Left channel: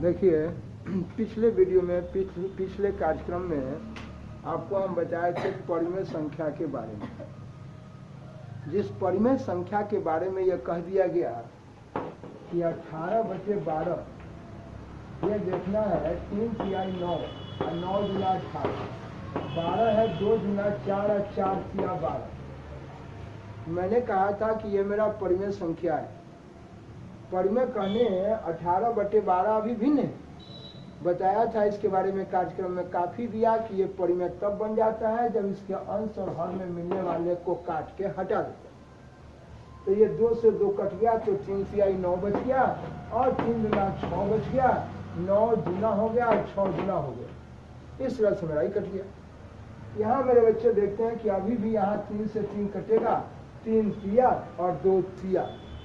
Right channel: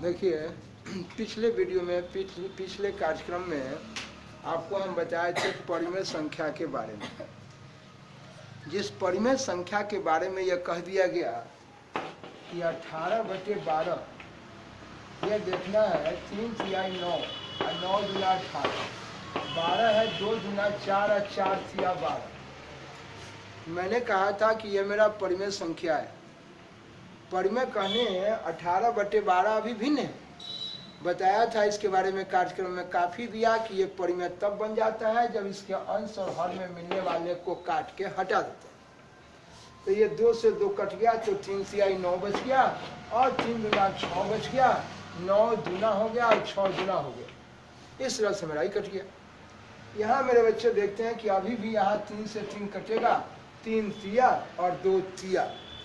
देखिए, पिछले वीडियो में पिछले कार्यक्रम में आपको हम बताए थे परिमेय संख्या के बारे में। जिस परिमेय संख्या के बारे में यह कह दिया गया कि 18/12 ये देखना है 3 तिहाई 9 और 9 गुना 18, 12 है 2 गुना 4 और 4 तिया 12। मैंने कहा था कि ये मेरा परिमेय संख्या है। परिमेय कहने 18/12 अभी भिन्न है, बताया था इसके बारे में कार्यक्रम में काफ़ी दिया कि ये परिमेय तब बन जाता है जब इसके अंश और हर में मिलने वाले को काट के हटा देते हैं। तो ये 2 से 2 कट गया तो 3 तिहाई 9 बच गया और 3 गुना 6 बच गया, 9 दूना हो गया और 6 गुना हो गया। इस तरह से मेरा ही कट गया। यहाँ मेरे बच्चे देखते हैं कि अभी भी यहाँ 3 से 3 कटेगा, 3 तिया और 2 तिया,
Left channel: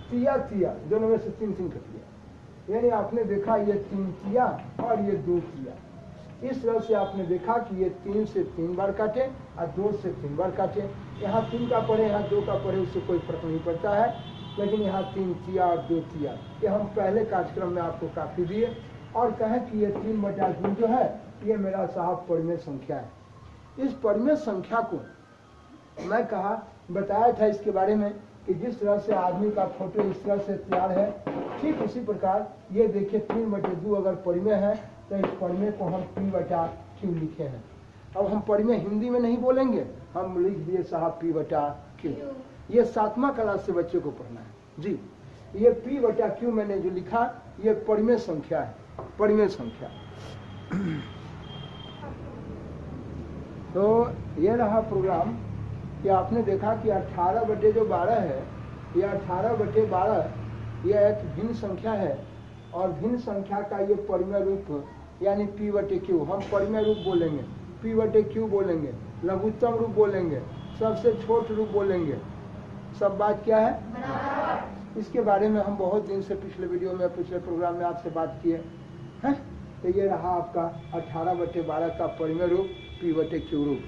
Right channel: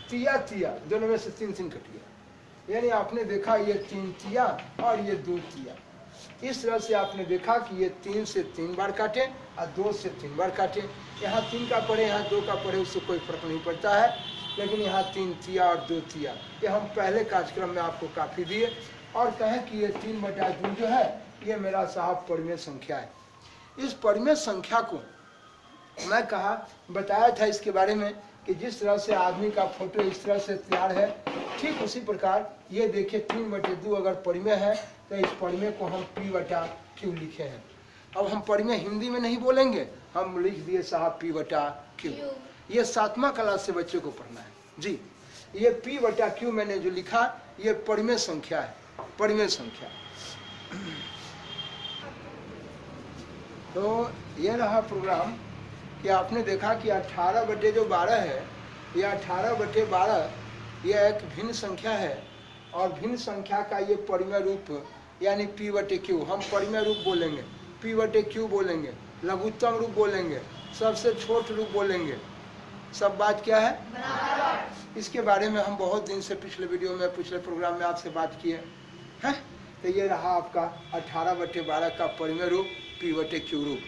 तिया तिया दोनों में से 3 3 कट गया। यानी आपने देखा ये 3 तिया और ये 2 तिया। इस तरह से आपने देखा कि ये 3 से 3 बार काटे और 2 से 3 बार काटे। यहाँ 3 का पढ़े, यहाँ 2 का पढ़े, उससे कोई फर्क नहीं पड़ता है। लेकिन यहाँ 3 तिया और 2 तिया ये हम पहले कार्यक्रम में आपको काफ़ी दिए और कहें कि ये 3/2 जो है ये मेरा साहब परिमेय संख्या है। इस परिमेय संख्या को मैं कहा बताया था इसके बारे में कि जिस तरह से आदमी का फोटो इस तरह से तैयार है, ठीक उसी प्रकार ये देखिए 3/2 अगर परिमेय है तो इस परिमेय को हम P/Q लिखे हैं। अब हम परिमेय हिंदी में नहीं बोलेंगे, हम लिख दिए साहब P/Q। ये 7वां क्लास से बच्चे को पढ़ना है जी। ये P/Q मैंने जो लिखा ये परिमेय संख्या है, परिमेय संख्या। तो ये रहा प्रोग्राम कि आपने देखा कि 18/12 है, यह 18/12 यह एक भिन्न संख्या है और भिन्न संख्या का ये परिमेय रूप यानी P/Q हम परिमेय रूप बोलेंगे, P/Q बोलेंगे, लघुत्तम रूप बोलेंगे, सबसे छोट रूप बोलेंगे। सब बात क्या है बराबर। इसके बारे में हम बहुत दिन से पिछले वीडियो में पिछले प्रोग्राम में आपसे बात किए हैं। तो ये रहा आपका 18/12 का परिमेय रूप P/Q रूप।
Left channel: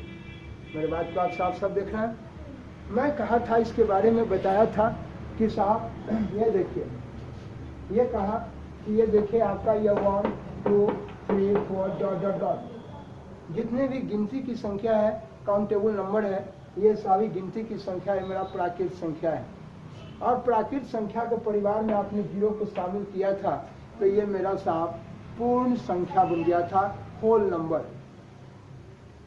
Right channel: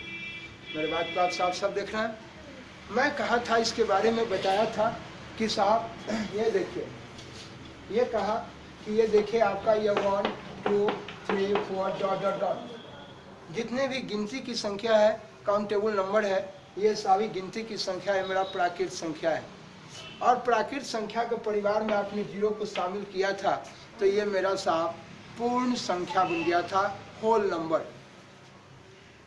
मेरी बात को आप साफ देख रहे हैं। मैं कहा था इसके बारे में बताया था कि साहब ये देखिए, ये कहा कि ये देखिए आपका ये 1 2 3 4 डॉट डॉट डॉट जितने भी गिनती की संख्या है, काउंटेबल नंबर है, ये सारी गिनती की संख्या है, मेरा प्राकृत संख्या है। और प्राकृत संख्या के परिवार में आपने 0 को शामिल किया था तो ये मेरा साहब पूर्ण संख्या बन गया था, होल नंबर।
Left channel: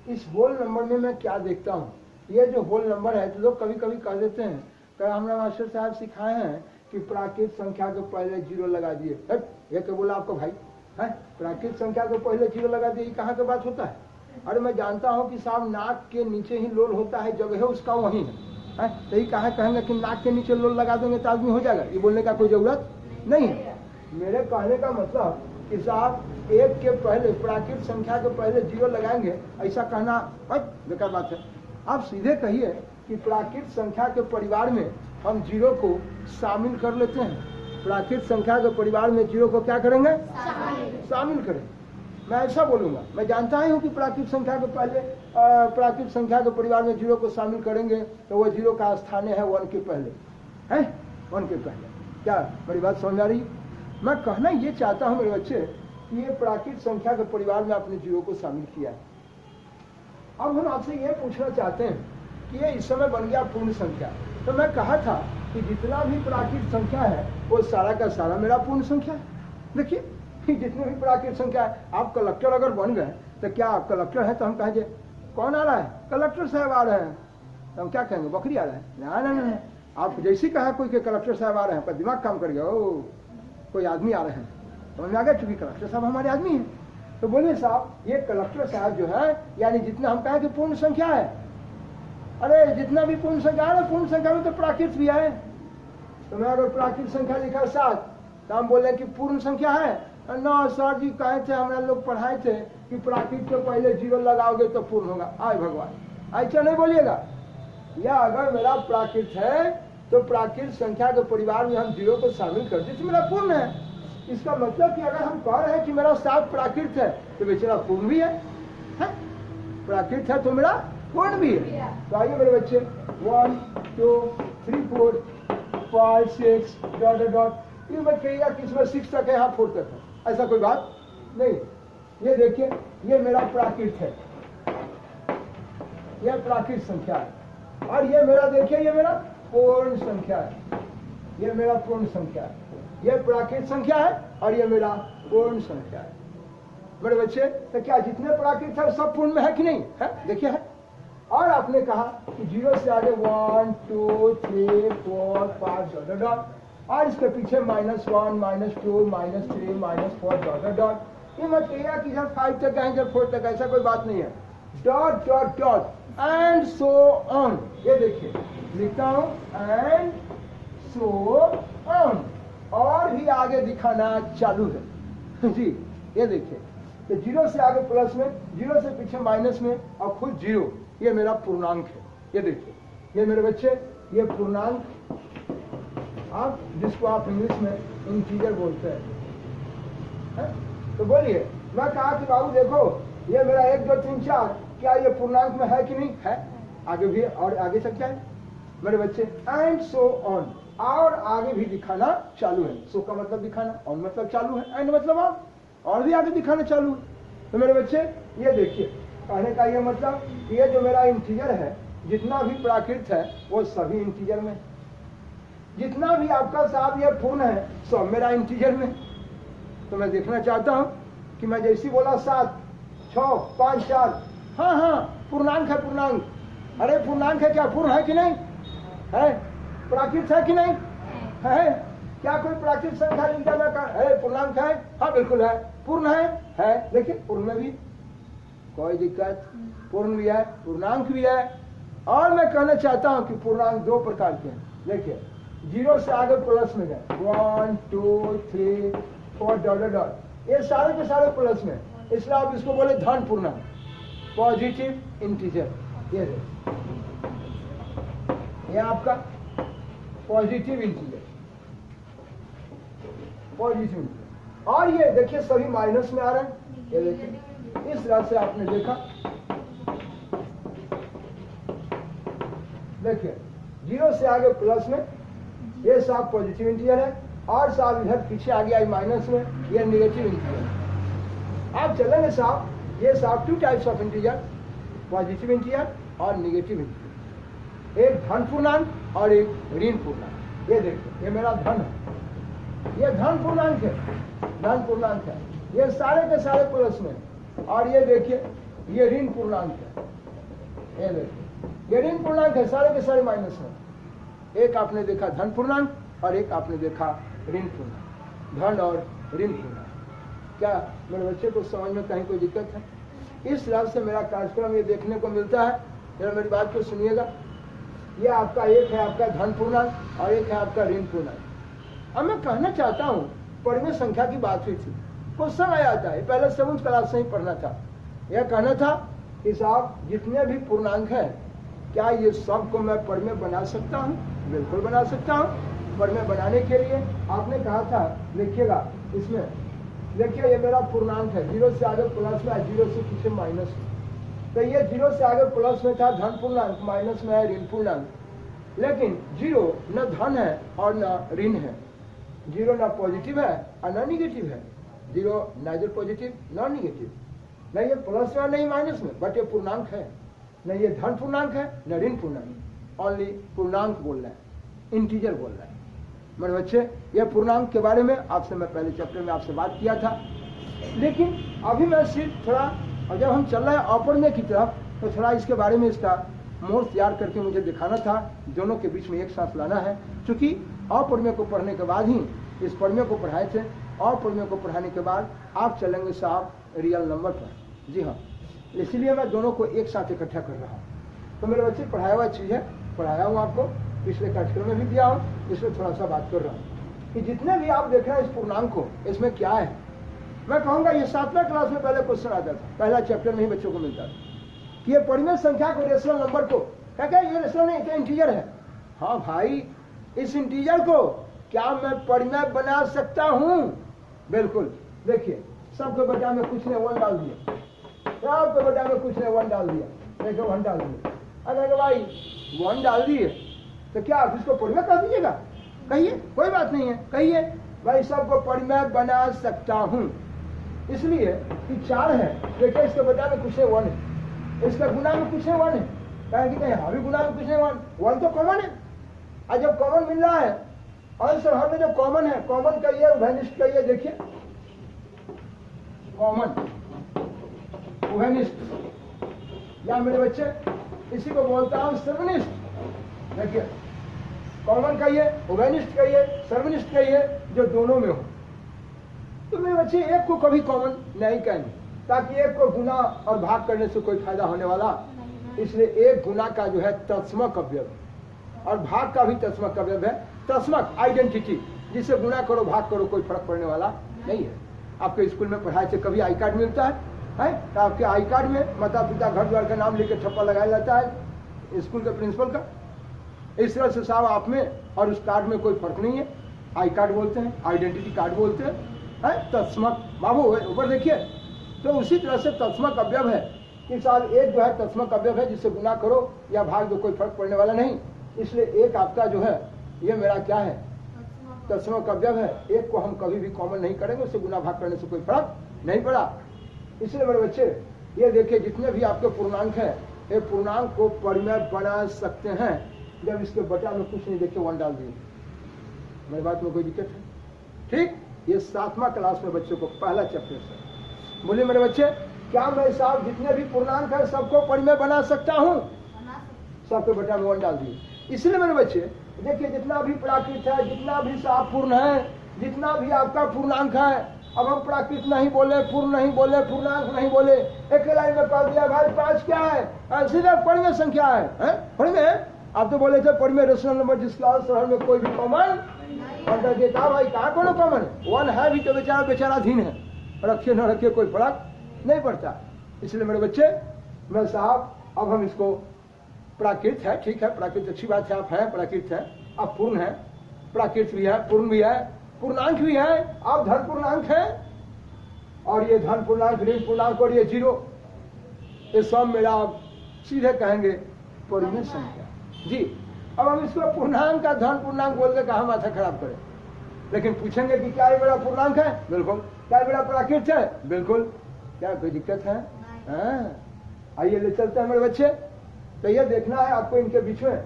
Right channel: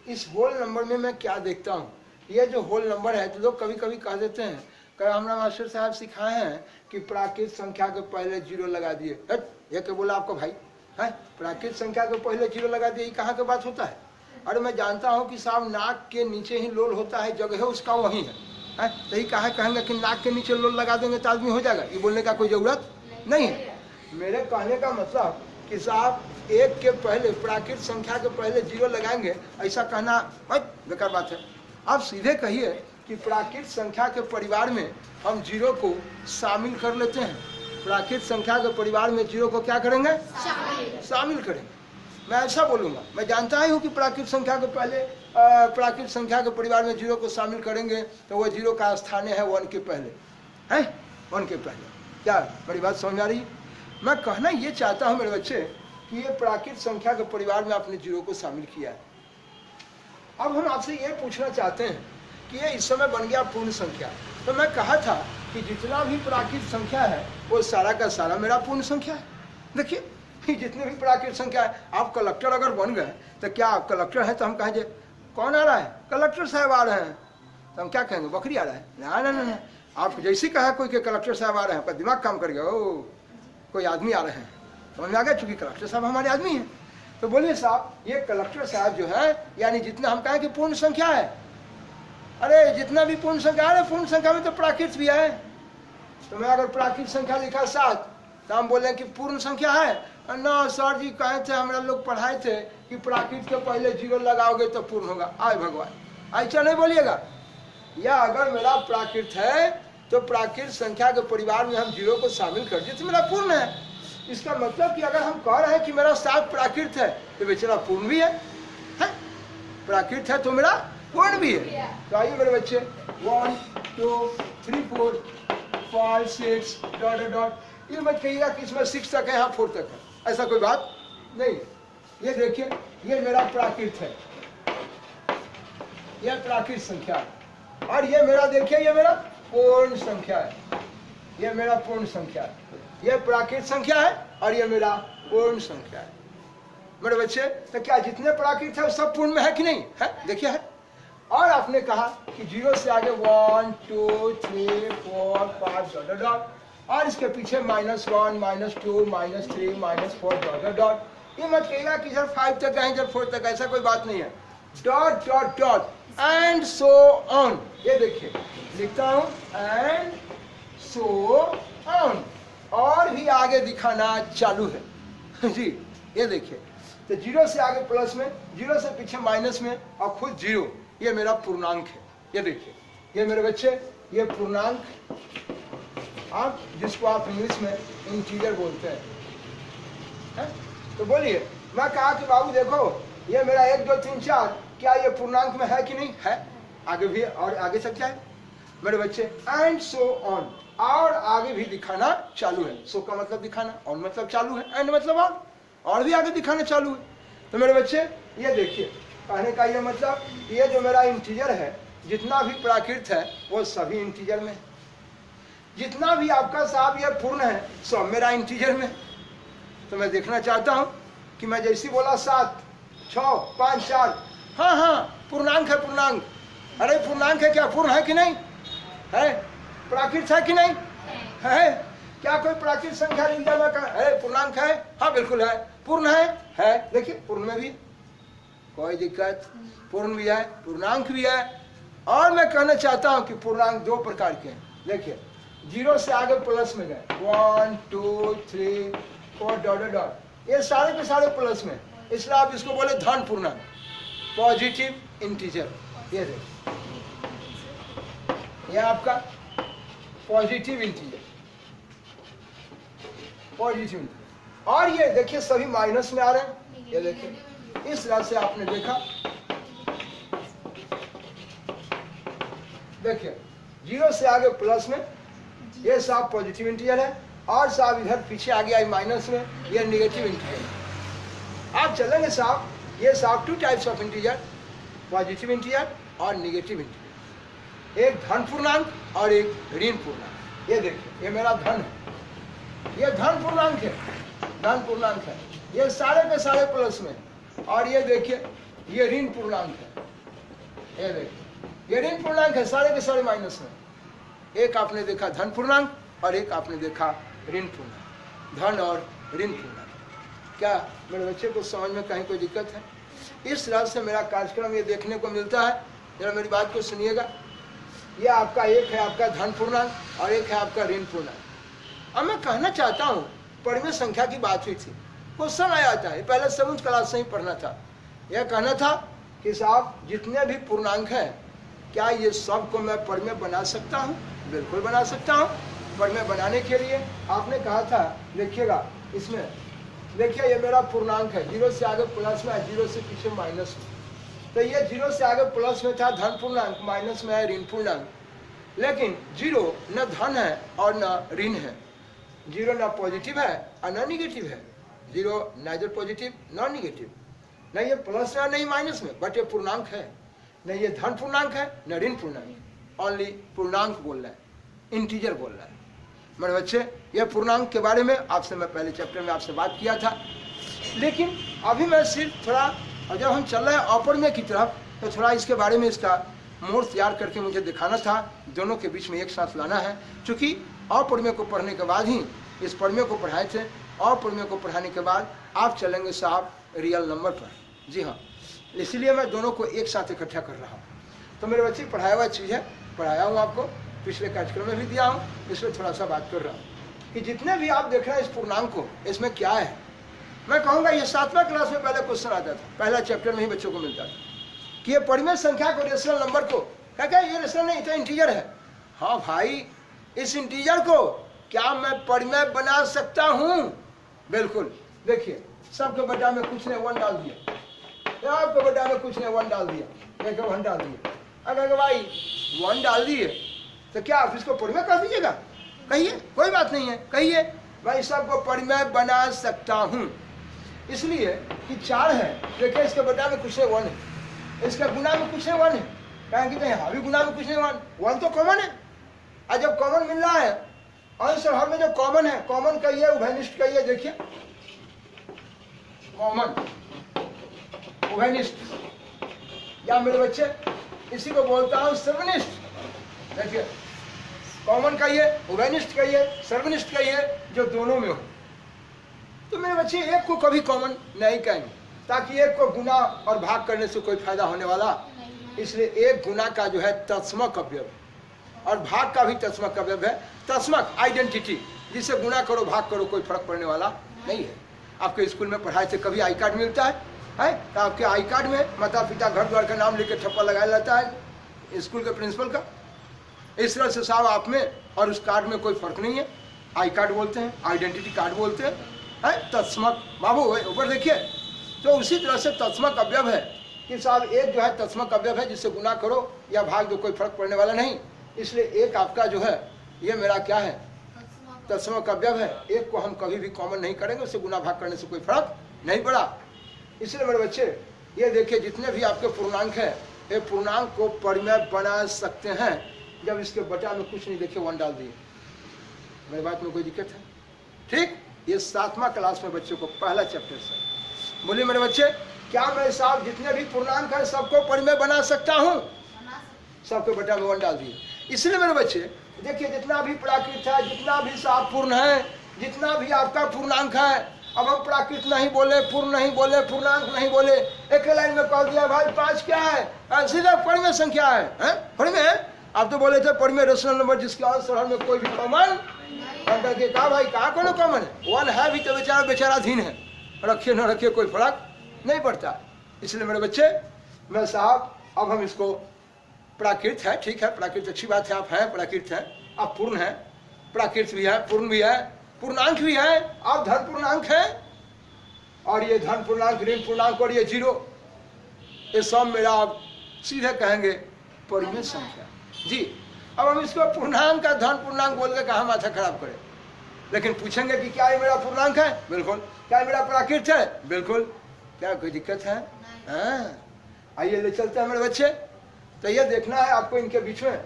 इस होल नंबर में मैं क्या देखता हूँ, ये जो होल नंबर है तो लोग कभी कभी कह देते हैं कि हमारा मास्टर साहब सिखाए हैं कि प्राकृत संख्या के पहले 0 लगा दिए। ये क्या बोला आपको भाई है, प्राकृत संख्या के पहले 0 लगा दिए, कहाँ के बात होता है? अरे मैं जानता हूँ कि साहब नाक के नीचे ही लोल होता है, जगह उसका वही है। यही कहा कहेंगे कि नाक के नीचे लोल लगा देंगे तो आदमी हो जाएगा, ये बोलने का कोई ज़रूरत नहीं है। मेरे कहने का मतलब कि साहब 1 के पहले प्राकृत संख्या के पहले 0 लगाएंगे, ऐसा कहना बेकार बात है। आप सीधे कहिए कि प्राकृत संख्या के परिवार में हम 0 को शामिल कर लेते हैं। प्राकृत संख्या के परिवार में 0 को क्या करेंगे? शामिल करेंगे। मैं ऐसा बोलूँगा, मैं जानता ही हूँ कि प्राकृत संख्या के पहले प्राकृत संख्या के परिवार में 0 को शामिल करेंगे तो वह 0 का स्थान है 1 के पहले, है 1 के पहले। क्या बड़ी बात समझ आ रही है? मैं कहना ये चाहता हूँ मेरे बच्चे कि ये प्राकृत संख्या के परिवार में आपने 0 को शामिल किया है। अब हम आपसे ये पूछना चाहते हैं कि ये इस समय बन गया पूर्ण संख्या। तो मैं कहा था कि जितना भी प्राकृत संख्या है वो सारा का सारा मेरा पूर्ण संख्या है। देखिए जितने भी प्राकृत संख्या है, आप कलेक्टर अगर बन गए तो क्या आप कलेक्टर है तो हम कहेंगे कौन आ रहा है? कलेक्टर साहब आ रहे हैं। तो हम क्या कहेंगे? बकरी आ रहा है? ना ना ना, आप जैसे कहा कोई के कलेक्टर साहब आ रहे हैं, आपका दिमाग काम कर गया, ओ कोई आदमी आ रहे हैं, समझ में आ गया, चूंकि कलेक्टर साहब हमारे आदमी हैं। तो बोलिए साहब ये कलेक्टर साहब जो है यानी जितना हम कहें कि पूर्ण संख्या है। अरे जितना भी पूर्ण संख्या है, पूर्ण संख्या में तो प्राकृत भी है। तो मैं अगर प्राकृत संख्या लिखा 7 तो हम बोले कि पूर्ण संख्या है ना? सर जी कहे थे, हमारा लोग पढ़ाए थे कि प्राकृत के पहले 0 लगाओगे तो पूर्ण होगा। आय भगवान, ऐसा नहीं बोलिएगा। या अगर मेरा प्राकृत है तो प्राकृत संख्या के परिवार में हम 0 को शामिल कर दिए तो मेरा पूर्ण है। इसका मतलब कि अगर हम कह रहे हैं कि मेरा 7 प्राकृत है तो बेचारा पूर्ण भी है? प्राकृत है तो मेरा पूर्ण भी है। तो आइए मेरे बच्चे 1 2 3 4 5 6 डॉट डॉट, ये मत कहिएगा कि इसमें 6 तक है, यहाँ 4 तक है। ऐसा कोई बात नहीं। ये देखिए, ये मेरा प्राकृत है, ये प्राकृत संख्या है, और ये मेरा देखिए, ये मेरा पूर्ण संख्या है, ये मेरा पूर्ण संख्या है। ये प्राकृत संख्या है और ये मेरा पूर्ण संख्या है। मेरे बच्चे, तो क्या जितने प्राकृत है वो सब पूर्ण में है कि नहीं है? देखिए है। और आपने कहा कि 0 से आगे 1 2 3 4 5 डॉट डॉट डॉट, और इसके पीछे -1 -2 -3 -4 डॉट डॉट डॉट। ये मत कहिएगा कि इधर 5 तक है इधर 4 तक, ऐसा कोई बात नहीं है। Dot dot dot and so on. ये देखिए लिखता हूं एंड सो ऑन, और भी आगे दिखाना चालू है जी। ये देखिए, तो 0 से आगे प्लस में, 0 से पीछे माइनस में, और खुद 0, ये मेरा पूर्णांक है। ये देखिए, ये मेरे बच्चे, ये पूर्णांक, आप जिसको आप इंग्लिश में इंटीजर बोलते हैं। तो बोलिए, मैं कहा कि बाबू देखो, ये मेरा 1 2 3 4, क्या ये पूर्णांक में है कि नहीं है? आगे भी और आगे सब क्या है मेरे बच्चे? एंड सो ऑन, और आगे भी दिखाना चालू है। सो का मतलब दिखाना, ऑन मतलब चालू है, एंड मतलब और भी आगे दिखाना चालू है। तो मेरे बच्चे ये देखिए, कहने का ये मतलब, ये जो मेरा इंटीजर है, जितना भी प्राकृत है वो सभी इंटीजर में, जितना भी आपका साहब ये पूर्ण है सब मेरा इंटीजर में। तो मैं देखना चाहता हूँ कि मैं जैसी बोला 7 6 5 4, हाँ हाँ पूर्णांक है, पूर्णांक। अरे पूर्णांक है, क्या पूर्ण है कि नहीं है? प्राकृत है कि नहीं है? क्या कोई प्राकृत संख्या लिख जाना का है पूर्णांक है? हाँ बिल्कुल है, पूर्ण है। देखिए पूर्ण में भी कोई दिक्कत, पूर्ण भी है, पूर्णांक भी है। और मैं कहना चाहता हूँ कि पूर्णांक 2 प्रकार के हैं। देखिए 0 से आगे प्लस में गए, 1 2 3 4 डॉट डॉट, ये सारे के सारे प्लस में, इसलिए आप इसको बोले धन पूर्णांक, पॉजिटिव इंटीजर। ये देखिए, ये आपका पॉजिटिव इंटीजर, पॉजिटिव इंटीजर। और ये देखिए सभी माइनस में आ रहे हैं। ये देखिए इस तरह से आपने देखा, देखिए 0 से आगे प्लस में, ये साहब पॉजिटिव इंटीजर है, और साहब इधर पीछे आ गया माइनस में, ये नेगेटिव इंटीजर है। आप चलेंगे साहब, ये साहब 2 types of integer, positive integer और नेगेटिव इंटीजर, एक धन पूर्णांक और एक ऋण पूर्णांक। ये देखिए, ये मेरा धन है, ये धन पूर्णांक है, धन पूर्णांक है, ये सारे के सारे प्लस में, और ये देखिए ये ऋण पूर्णांक है। ये देखिए ये ऋण पूर्णांक है, सारे के सारे माइनस में। एक आपने देखा धन पूर्णांक और एक आपने देखा ऋण पूर्णांक, धन और ऋण पूर्णांक। क्या मेरे बच्चे को समझ में कहीं कोई दिक्कत है? इस तरह से मेरा कार्यक्रम ये देखने को मिलता है। जरा मेरी बात को सुनिएगा, ये आपका एक है आपका धन पूर्णांक और एक है आपका ऋण पूर्णांक। अब मैं कहना चाहता हूँ, परिमेय संख्या की बात हुई थी, क्वेश्चन आया था, पहले 7th क्लास से ही पढ़ना था। यह कहना था कि साहब जितने भी पूर्णांक है, क्या ये सब को मैं परिमेय बना सकता हूँ? बिल्कुल बना सकता हूँ। परिमेय बनाने के लिए आपने कहा था, देखिएगा इसमें, देखिए ये मेरा पूर्णांक है, 0 से आगे प्लस में है, 0 से पीछे माइनस में। तो ये 0 से आगे प्लस में था धन पूर्णांक, माइनस में है ऋण पूर्णांक। लेकिन 0 न धन है और न ऋण है, 0 न पॉजिटिव है और न निगेटिव है। 0 नाइदर पॉजिटिव नॉन निगेटिव, नहीं ये प्लस में नहीं माइनस में, बट ये पूर्णांक है। नहीं ये धन पूर्णांक है न ऋण पूर्णांक, ओनली पूर्णांक बोल रहा है, इंटीजर बोल रहा है। मेरे बच्चे ये पूर्णांक के बारे में आपसे मैं पहले चैप्टर में आपसे बात किया था, लेकिन अभी मैं सिर्फ थोड़ा, और जब हम चल रहे हैं अपरिमेय की तरफ, तो थोड़ा इसके बारे में इसका मोड़ तैयार करके मुझे दिखाना था, दोनों के बीच में एक साथ लाना है। क्योंकि अपरिमेय को पढ़ने के बाद ही इस परिमेय को पढ़ाए थे, अपरिमेय को पढ़ाने के बाद आप चलेंगे साहब रियल नंबर पर। जी हाँ, इसलिए मैं दोनों को एक साथ इकट्ठा कर रहा हूँ। तो मेरे बच्चे पढ़ाया हुआ चीज़ है, पढ़ाया हूँ आपको, पिछले कार्यक्रम में भी दिया हूँ, इसमें थोड़ा सा बात कर रहा हूँ कि जितने भी आप देख रहे हैं इस पूर्णांक को, इसमें क्या है। मैं कहूँगा ये 7वां क्लास में पहले क्वेश्चन आता था, पहला चैप्टर में ही बच्चों को मिलता था कि ये परिमेय संख्या को, रेशनल नंबर को, क्या ये रेशनल नहीं तो इंटीजर है। हाँ भाई, इस इंटीजर को क्या मैं परिमेय बना सकता हूँ? बिल्कुल। देखिए सबके बटा में कुछ ने 1 डाल दिया, आपके बटा में कुछ ने 1 डाल दिया, देखो 1 डाल दिया। अगर भाई 1 डाल दिए तो क्या आप इसको परिमेय कर दीजिएगा? कहिए, कोई बात नहीं है, कहिए। मैं सबको परिमेय बना सकता हूँ। इसलिए कि 4 है, देखिए इसके बटा में कुछ नहीं 1 है, इसके गुना में कुछ नहीं 1 है, कहेंगे यहाँ भी गुना में कुछ नहीं 1 तो कॉमन है। और जब कॉमन मिल रहा है अंश और हर में जो कॉमन है, कॉमन कहिए उभयनिष्ठ कहिए, देखिए कॉमन उभयनिष्ठ या मेरे बच्चे इसी को बोलता हूँ सर्वनिष्ठ। देखिए कॉमन कहिए, उभयनिष्ठ कहिए, सर्वनिष्ठ कहिए, जो दोनों में हो। तो मेरे बच्चे एक को कभी कॉमन नहीं कहेंगे, ताकि एक को गुना और भाग करने से कोई फायदा होने वाला, इसलिए एक गुना का जो है तत्समक अवयव और भाग का भी तत्समक अवयव है। तत्समक आइडेंटिटी, जिसे गुना करो भाग करो कोई फर्क पड़ने वाला नहीं है। आपके स्कूल में पढ़ाई से कभी आई कार्ड मिलता है तो आपके आई कार्ड में माता पिता घर द्वार का नाम लिख के ठप्पा लगाया जाता है स्कूल के प्रिंसिपल का। इस तरह से साहब आप में और उस कार्ड में कोई फर्क नहीं है। आई कार्ड बोलते हैं, आइडेंटिटी कार्ड बोलते हैं, तत्समक बाबू ऊपर देखिए। तो उसी तरह से तत्समक अवयव है कि साहब एक जो है तत्समक अवयव है, जिससे गुना करो या भाग दो कोई फर्क पड़ने वाला नहीं। इसलिए एक आपका जो है ये मेरा क्या है, तत्समक अवयव है। एक को हम कभी भी कॉमन नहीं करेंगे, उससे गुना भाग करने से कोई फर्क नहीं पड़ा। इसलिए मेरे बच्चे ये देखिए जितने भी आपके पूर्णांक हैं, ये पूर्णांक को परिमेय बना सकते हैं जब इसके बटा में कुछ नहीं देखिए 1 डाल दिए। मेरी बात में कोई दिक्कत है? ठीक, ये 7वां क्लास में बच्चों को पहला चैप्टर से बोले मेरे बच्चे, क्या मैं साहब जितने भी पूर्णांक है सबको परिमेय बना सकता हूँ? सबके बटा में 1 डाल दिए। इसलिए मेरे बच्चे देखिए जितना भी प्राकृत है, जितना भी साफ पूर्ण है, जितना भी आपका पूर्णांक है, अब हम प्राकृत नहीं बोले, पूर्ण नहीं बोले, पूर्णांक नहीं बोले, एक लाइन में कह दिया भाई 5 क्या है, सीधा परिमेय संख्या है परिमेय। आप तो बोले थे परिमेय रेशनल नंबर जिसके आंसर में कोई भी कॉमन, कहा भाई कहाँ कोनो कॉमन है, 1 है भी तो बेचारा बेचाराधीन है, रखिए न रखिए कोई फर्क नहीं पड़ता। इसलिए मेरे बच्चे मैं साहब अब हम इसको प्राकृत है, ठीक है प्राकृत अच्छी बात है, आप हैं प्राकृत है, आप पूर्ण है, प्राकृत भी है, पूर्ण भी है, पूर्णांक भी है, आप धन पूर्णांक है, और ये धन पूर्णांक, ऋण पूर्णांक और ये 0, ये सब मेरा आप सीधे कहेंगे परिमेय संख्या जी। अब हम इसको पूर्णांक का धन पूर्णांक बोल के कहाँ माथा खराब करें, लेकिन पूछेंगे कि क्या ये मेरा पूर्णांक है? बिल्कुल। क्या मेरा प्राकृत है? बिल्कुल। क्या कोई दिक्कत है? आइए ले चलते हैं मेरे बच्चे। तो ये देखना है आपको इनके बीच में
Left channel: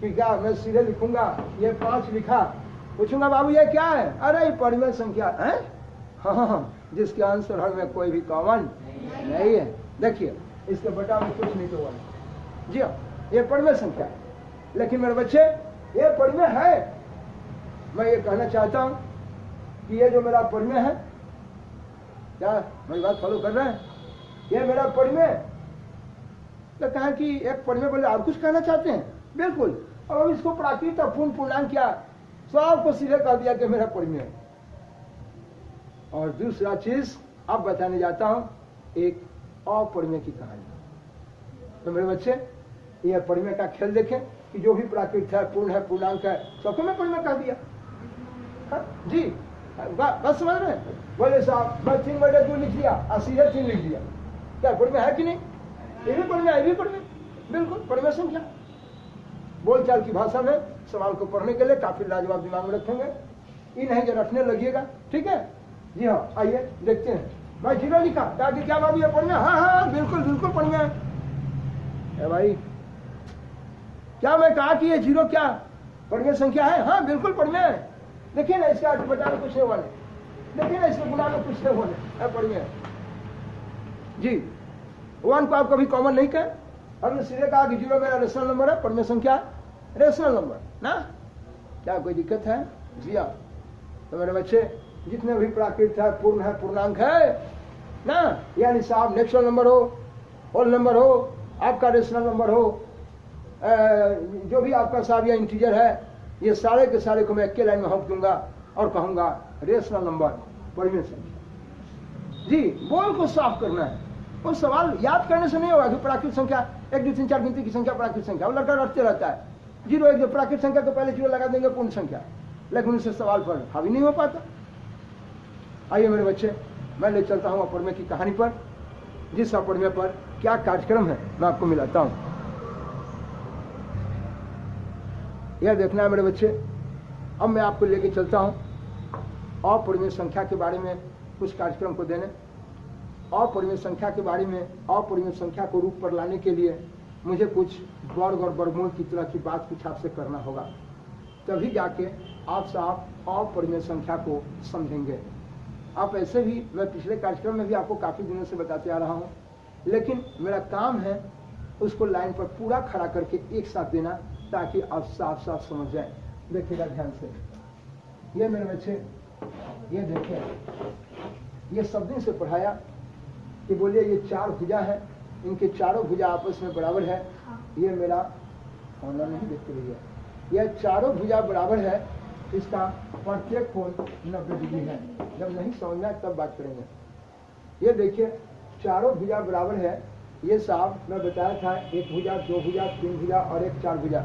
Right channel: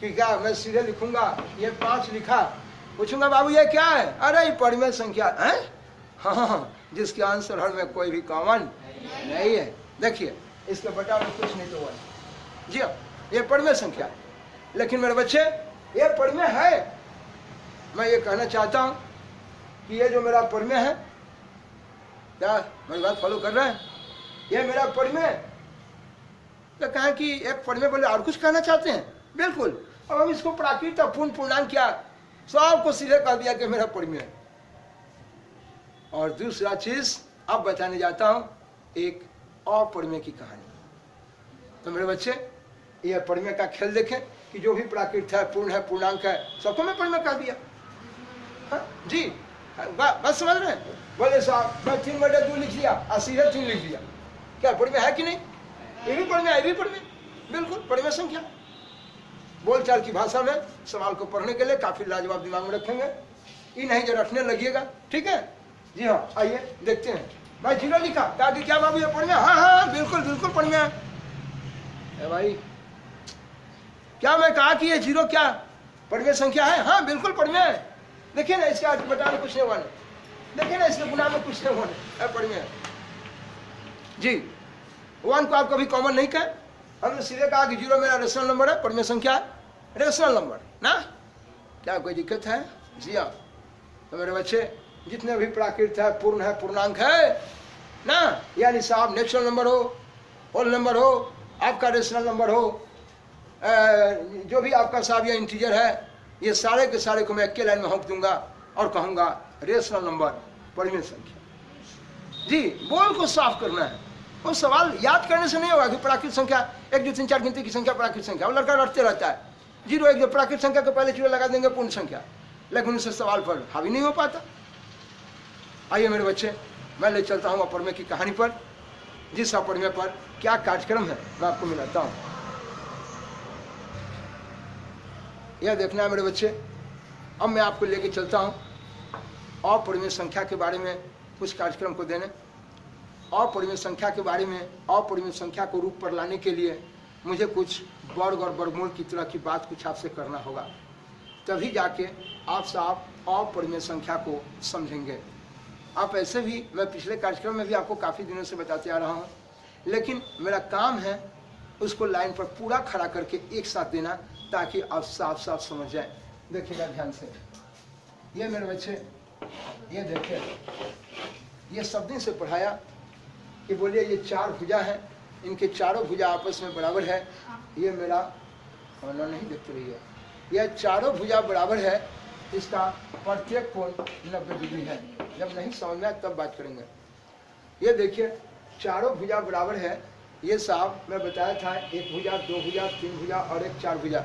कि क्या मैं सीधे लिखूंगा, ये 5 लिखा, पूछूंगा बाबू ये क्या है? अरे परिमेय संख्या है, हाँ, जिसके आंसर हर में कोई भी कॉमन नहीं है। देखिए इसके बटा में कुछ नहीं तो 1 जी हाँ, ये परिमेय संख्या है। लेकिन मेरे बच्चे ये परिमेय है, मैं ये कहना चाहता हूँ कि ये जो मेरा परिमेय है, क्या मेरी बात फॉलो कर रहे हैं? ये मेरा परिमेय, तो कहा कि एक परिमेय बोले और कुछ कहना चाहते हैं? बिल्कुल। अब हम इसको प्राकृत और पूर्ण पूर्णांक किया, सबको सीधे कह दिया कि मेरा परिमेय है। और दूसरा चीज अब बताने जाता हूं एक और परिमेय की कहानी। तो मेरे बच्चे ये परिमेय का खेल देखें कि जो भी प्राकृत है, पूर्ण है, पूर्णांक है, सबको मैं परिमेय कह दिया। हाँ जी, बस समझ रहे हैं? बोले साहब मैं 3/2 लिख लिया और सीधे 3 लिख लिया, क्या परिमेय है कि नहीं? ये भी परिमेय, ये भी परिमेय, बिल्कुल परिमेय संख्या। बोलचाल की भाषा में सवाल को पढ़ने के लिए काफी लाजवाब दिमाग में रखेंगे, ये नहीं जो रखने लगिएगा, ठीक है जी हाँ। आइए देखते हैं। मैं 0 लिखा, दादी क्या बाबू ये परिमेय? हाँ बिल्कुल बिल्कुल परिमेय है भाई। क्या मैं कहा कि ये 0 क्या परिमेय संख्या है? हाँ बिल्कुल परिमेय है। देखिए ना इसका बटा में कुछ नहीं बने, देखिए ना इसके गुना में कुछ नहीं बने, परिमेय जी। 1 को आप कभी कॉमन नहीं कहे, हमने सीधे कहा कि 0 मेरा रेशनल नंबर है, परिमेय संख्या रेशनल नंबर ना, क्या कोई दिक्कत है? जी हाँ। तो मेरे बच्चे जितने भी प्राकृत है, पूर्ण है, पूर्णांक है ना, यानी साहब नेचुरल नंबर हो, होल नंबर हो, आपका रेशनल नंबर हो, जो भी आपका साहब या इंटीजर है, ये सारे के सारे को मैं एक लाइन में हक दूंगा और कहूंगा रेशनल नंबर परिमेय संख्या जी। बोल को साफ करना है, वो सवाल याद करने से नहीं होगा कि प्राकृत संख्या 1 2 3 4 गिनती की संख्या प्राकृत संख्या, वो लड़का रटते रहता है 0 1 2 प्राकृत संख्या के पहले 0 लगा देंगे पूर्ण संख्या, लेकिन उससे सवाल पर हावी नहीं हो पाता। आइए मेरे बच्चे मैं ले चलता हूँ अपरिमेय की कहानी पर, जिस अपरिमेय पर क्या कार्यक्रम है मैं आपको मिलाता हूँ। यह देखना है मेरे बच्चे, अब मैं आपको लेके चलता हूँ अपरिमेय संख्या के बारे में कुछ कार्यक्रम को देने, अपरिमेय संख्या के बारे में, अपरिमेय संख्या को रूप पर लाने के लिए मुझे कुछ वर्ग और वर्गमूल की तरह की बात कुछ आपसे करना होगा, तभी जाके आप साहब अपरिमेय संख्या को समझेंगे। आप ऐसे भी, मैं पिछले कार्यक्रम में भी आपको काफ़ी दिनों से बताते आ रहा हूँ, लेकिन मेरा काम है उसको लाइन पर पूरा खड़ा करके एक साथ देना, ताकि आप साफ साफ समझ जाए। देखिएगा ध्यान से, ये मेरे बच्चे, ये देखिए, ये सब दिन से पढ़ाया कि बोलिए ये 4 भुजा है, इनके चारों भुजा आपस में बराबर है। ये मेरा होना नहीं देखते रहिए, यह चारों भुजा बराबर है, इसका प्रत्येक कोण 90 डिग्री है। जब नहीं समझ में आए तब बात करेंगे। ये देखिए चारों भुजा बराबर है, ये साहब मैं बताया था, 1 भुजा, 2 भुजा, 3 भुजा और एक 4 भुजा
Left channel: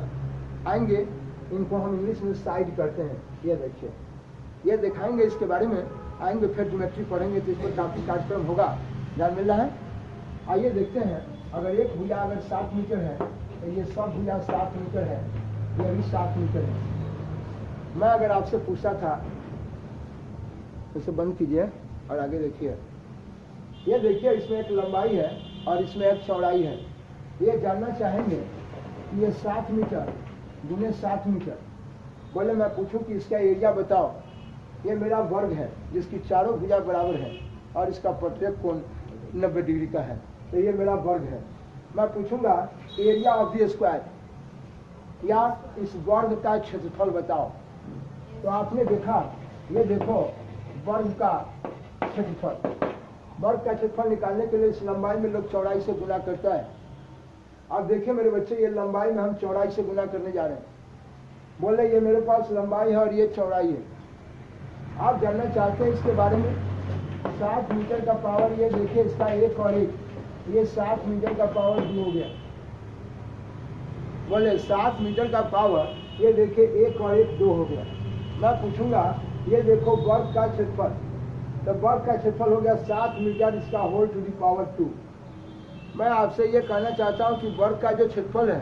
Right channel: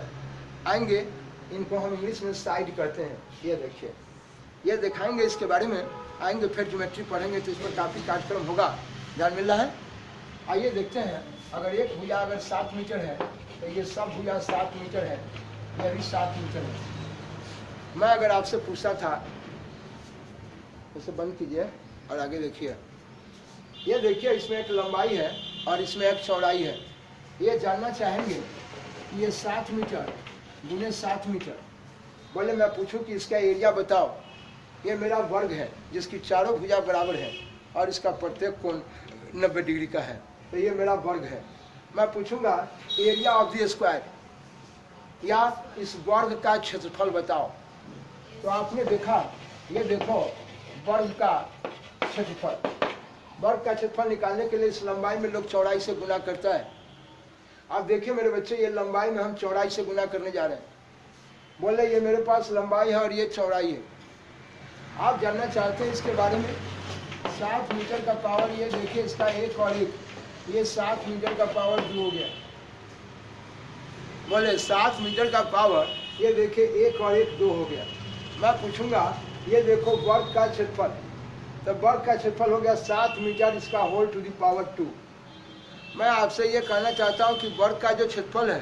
आएंगे, इनको हम इंग्लिश में साइड कहते हैं। ये देखिए, ये दिखाएंगे, इसके बारे में आएंगे, फिर ज्योमेट्री पढ़ेंगे तो इस पर काफ़ी कार्यक्रम होगा, ध्यान मिल रहा है। आइए देखते हैं, अगर एक भुजा अगर 7 मीटर है तो ये सब भुजा 7 मीटर है, ये भी 7 मीटर है। मैं अगर आपसे पूछा था, उसे बंद कीजिए और आगे देखिए, ये देखिए इसमें एक लंबाई है और इसमें एक चौड़ाई है। ये जानना चाहेंगे कि ये 7 मीटर गुने 7 मीटर, बोले मैं पूछूं कि इसका एरिया बताओ। ये मेरा वर्ग है जिसकी चारों भुजा बराबर है और इसका प्रत्येक कोण 90 डिग्री का है, तो ये मेरा वर्ग है। मैं पूछूंगा एरिया ऑफ द स्क्वायर, या इस वर्ग का क्षेत्रफल बताओ। तो आपने देखा, ये देखो वर्ग का क्षेत्रफल, वर्ग का क्षेत्रफल निकालने के लिए इस लंबाई में लोग चौड़ाई से गुना करता है। आप देखिए मेरे बच्चे, ये लंबाई में हम चौड़ाई से गुना करने जा रहे हैं। बोले ये मेरे पास लंबाई है और ये चौड़ाई है। आप जानना चाहते हैं इसके बारे में, 7 मीटर का पावर, ये देखिए इसका 1 और 1, ये 7 मीटर का पावर 2 हो गया। बोले 7 मीटर का पावर, ये देखिए 1 और 1 2 हो गया। मैं पूछूंगा ये देखो वर्ग का क्षेत्रफल, तो वर्ग का क्षेत्रफल हो गया 7 मीटर, इसका होल टू द पावर 2। मैं आपसे ये कहना चाहता हूँ कि वर्ग का जो क्षेत्रफल है,